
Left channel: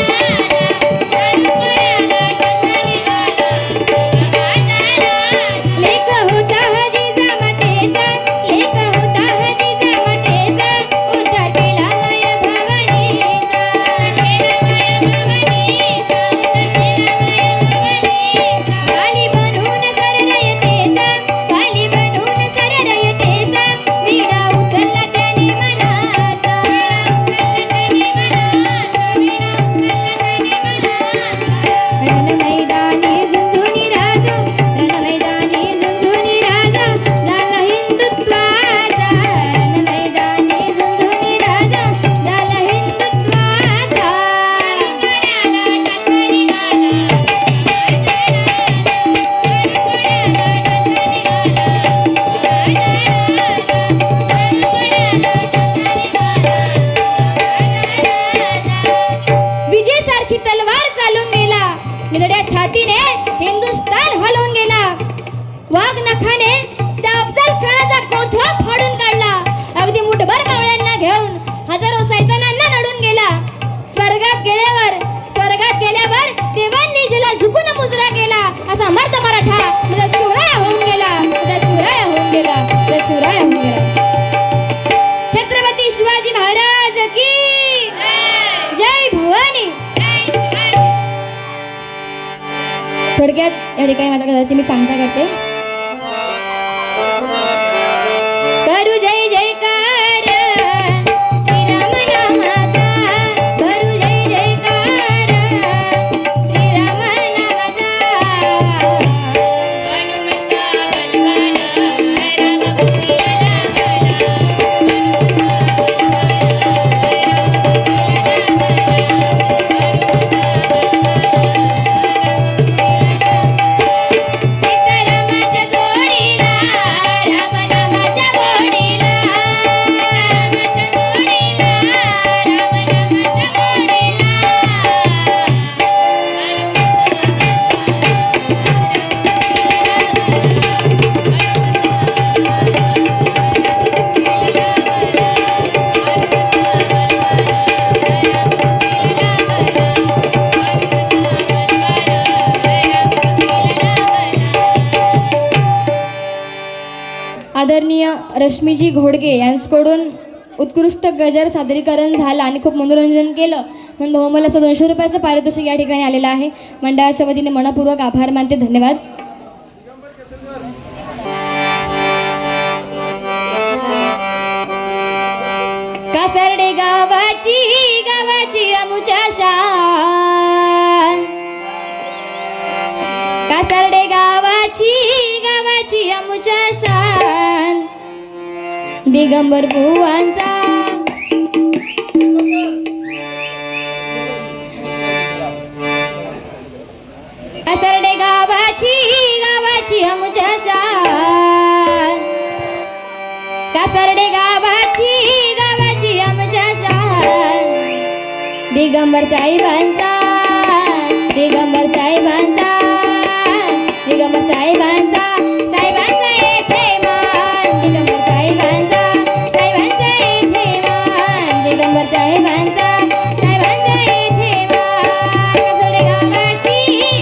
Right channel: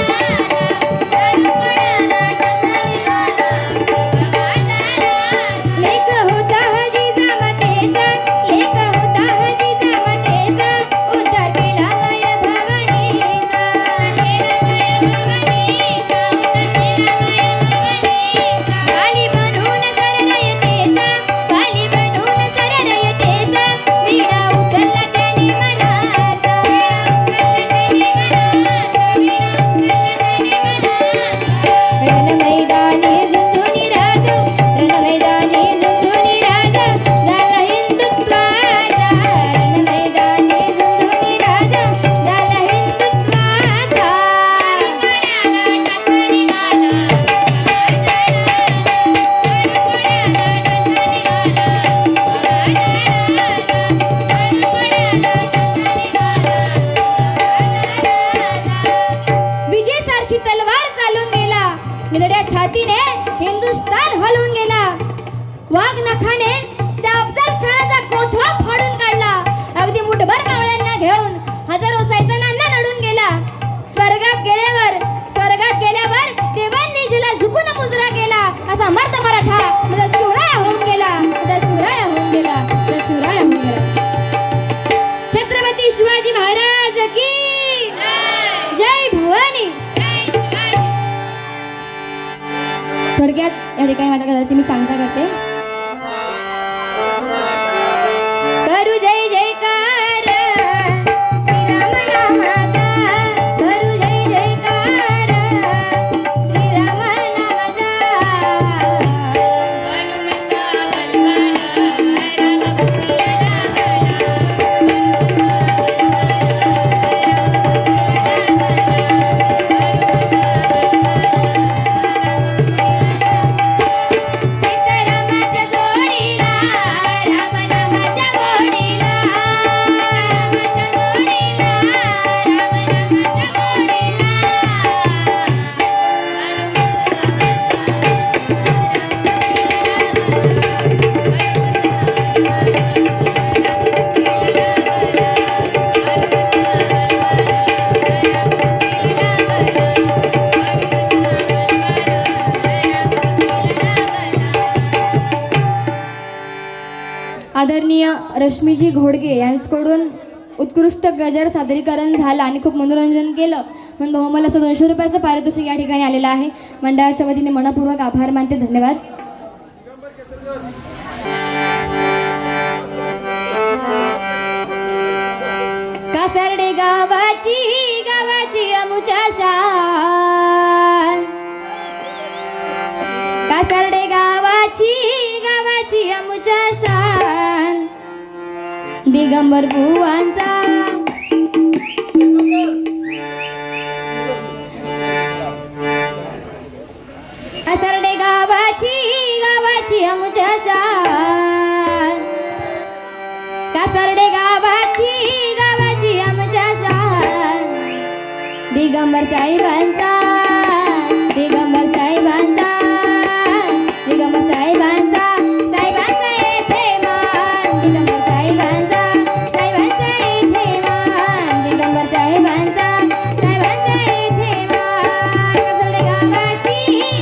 महाराष्ट्राची मायभूमी सांगे रुबाब त्यांचा. छातीने हिंदुस्थान हलवून गेला. वाघ नखाने त्या अफजल खानाचा कोथळा फाडून काढला. अगदी मुठभर मावळ्यांना घेऊन हजारो सैतानांना नडून गेला. स्वर्गात गेल्यावर देवांनी जिला झुकून मुजरा केला. असा मर्द मराठा तुझा शिवराया होऊन गेला, तुझा शिवराया होऊन गेला, तुझा शिवराया होऊन गेला. छत्रपती शिवाजी महाराज की जय भवानी. थोडक्यात या ठिकाणी माझ्या घराची मी सांगता करते. करू जय जयकार श्रीराम नामाचा, करू जय जयकार श्रीराम नामाचा. हनुमंता बलवाना राम सीतारामाच्या रश्मीजी घोडगे यांच्याकडून उत्कृष्ट गजर सादरीकरण झालं आणि खूप मनोरंजन केलं म्हणून बहुमल असं 200 रुपयाचं पारितोषिक या ठिकाणी आलेलं आहे. मंडळाच्या वतीने मनपूर्वक आभार मानते. धन्यवाद. कासर्डे गावाची अमुच्या शान, कासर्डे गावाची अमुच्या शान, दिगंबर बुवांचा कासर्डे गावाची अमुच्या शान, कासर्डे गावाची अमुच्या शान, दिगंबर साहेबांचा दिगंबर साहेबांचा दिगंबर साहेबांचा साहेबांचा येथे मान, दिगंबर साहेबांचा साहेबांचा येथे मान, दिगंबर साहेबांचा साहेबांचा येथे मान. कासर्डे गावाची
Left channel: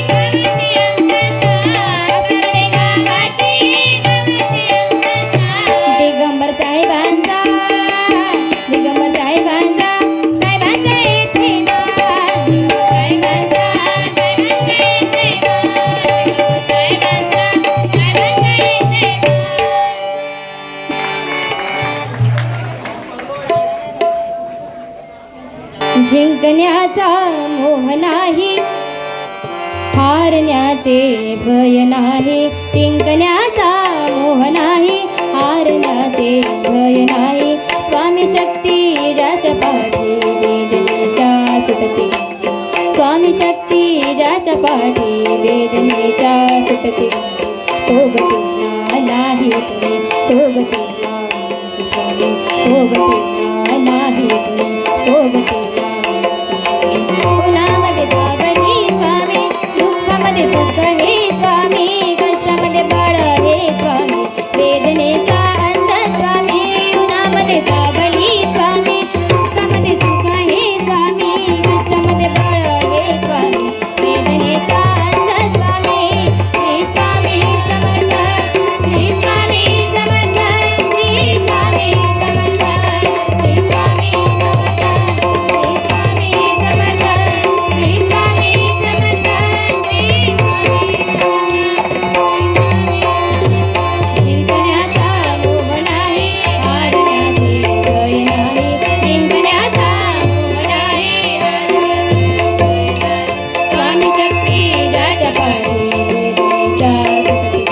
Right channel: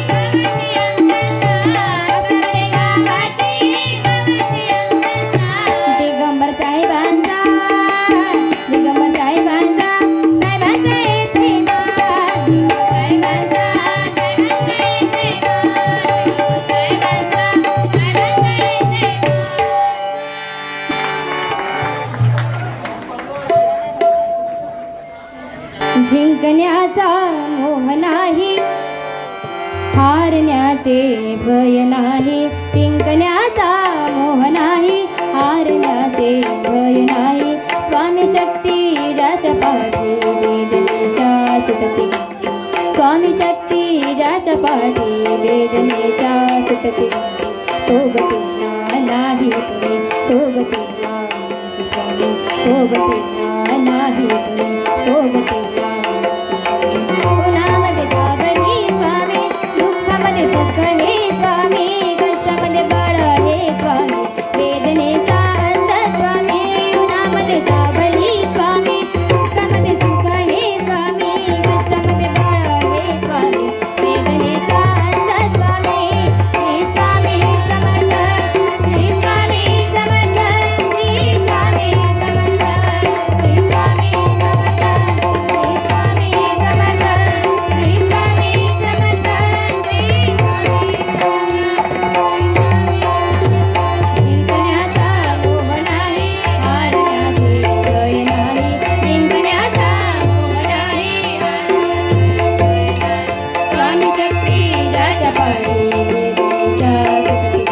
कासर्डे गावाची दिगंबर साहेबांचा दिगंबर साहेबांचा साहेबांचा येथे मान, दिगंबर साहेबांचा साहेबांचा येथे मान, दिगंबर साहेबांचा साहेबांचा येथे मान. जिंकण्याचा मोह नाही, हारण्याचे भय नाही, जिंकण्याचा मोह नाही, हारण्याचे भय नाही. स्वामी शक्ती ज्याच्या पाठी वेदनेच्या सुटते, स्वामी शक्ती ज्याच्या पाठी वेदनेच्या सुटते. सोबतीला नाही कुणी, सोबतीला माझे स्वामी, सोबतीला नाही कुणी, सोबतीला माझे स्वामी. उन्हामध्ये सावली स्वामी, दुःखामध्ये सुख हे स्वामी, कष्टामध्ये बळ हे स्वामी, वेदनेचा अंत स्वामी. उन्हामध्ये सावली स्वामी, दुःखामध्ये सुख हे स्वामी, कष्टामध्ये बळ हे स्वामी, वेदनेचा अंत स्वामी. श्री स्वामी समर्थ, श्री स्वामी समर्थ, श्री स्वामी समर्थ, श्री स्वामी समर्थ, श्री स्वामी समर्थ, श्री स्वामी समर्थ, श्री स्वामी जिंकण्याचा मोह नाही, हारण्याचे भय नाही, जिंकण्याचा मोह नाही, हारण्याचे भय नाही. स्वामी शक्ती ज्याच्या पाठी वेदनेच्या सुटते,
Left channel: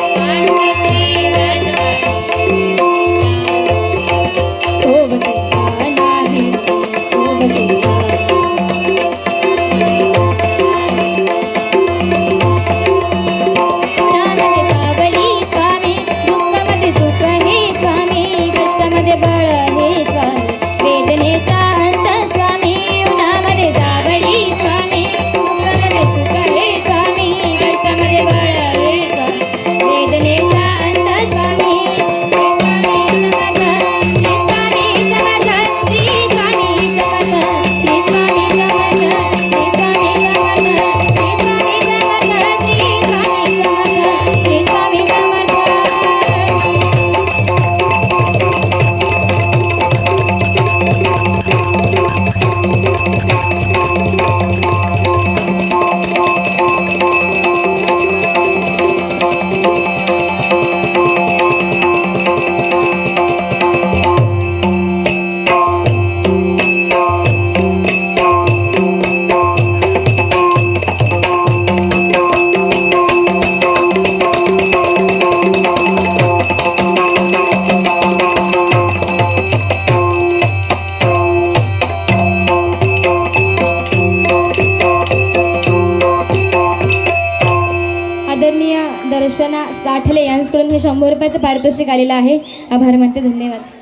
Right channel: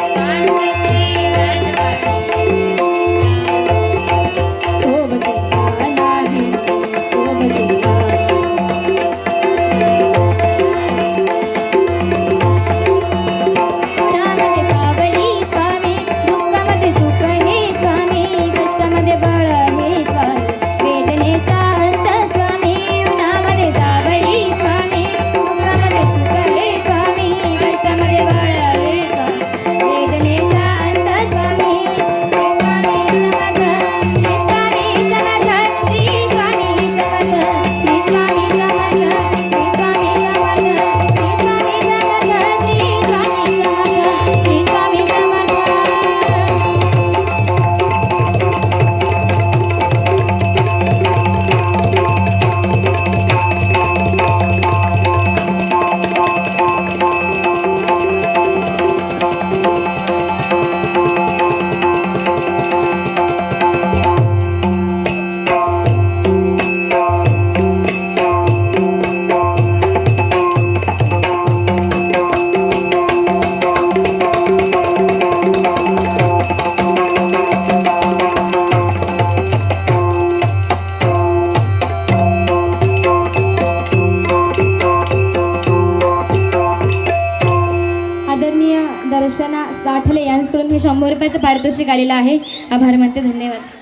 स्वामी शक्ती ज्याच्या पाठी वेदनेच्या सुटते. सोबतीला नाही सोबतीला उन्हामध्ये सावली स्वामी, दुःखामध्ये सुख हे स्वामी, कष्टामध्ये बळ हे स्वामी, वेदनेचा अंत स्वामी. उन्हामध्ये सावली स्वामी, दुःखामध्ये सुख हे स्वामी, कष्टामध्ये बळ हे स्वामी, वेदनेचा अंत स्वामी. श्री स्वामी समर्थ, श्री स्वामी समर्थ, श्री स्वामी समर्थ, श्री स्वामी समर्थ, श्री स्वामी समर्थ, श्री स्वामी समर्थ, श्री स्वामी समर्थ, श्री स्वामी समर्थ. आदरणीय दर्शना साठले यांच्याकडून हे 100 रुपयाचं पारितोषिक आलेलं आहे. आभार मानते. धन्यवाद.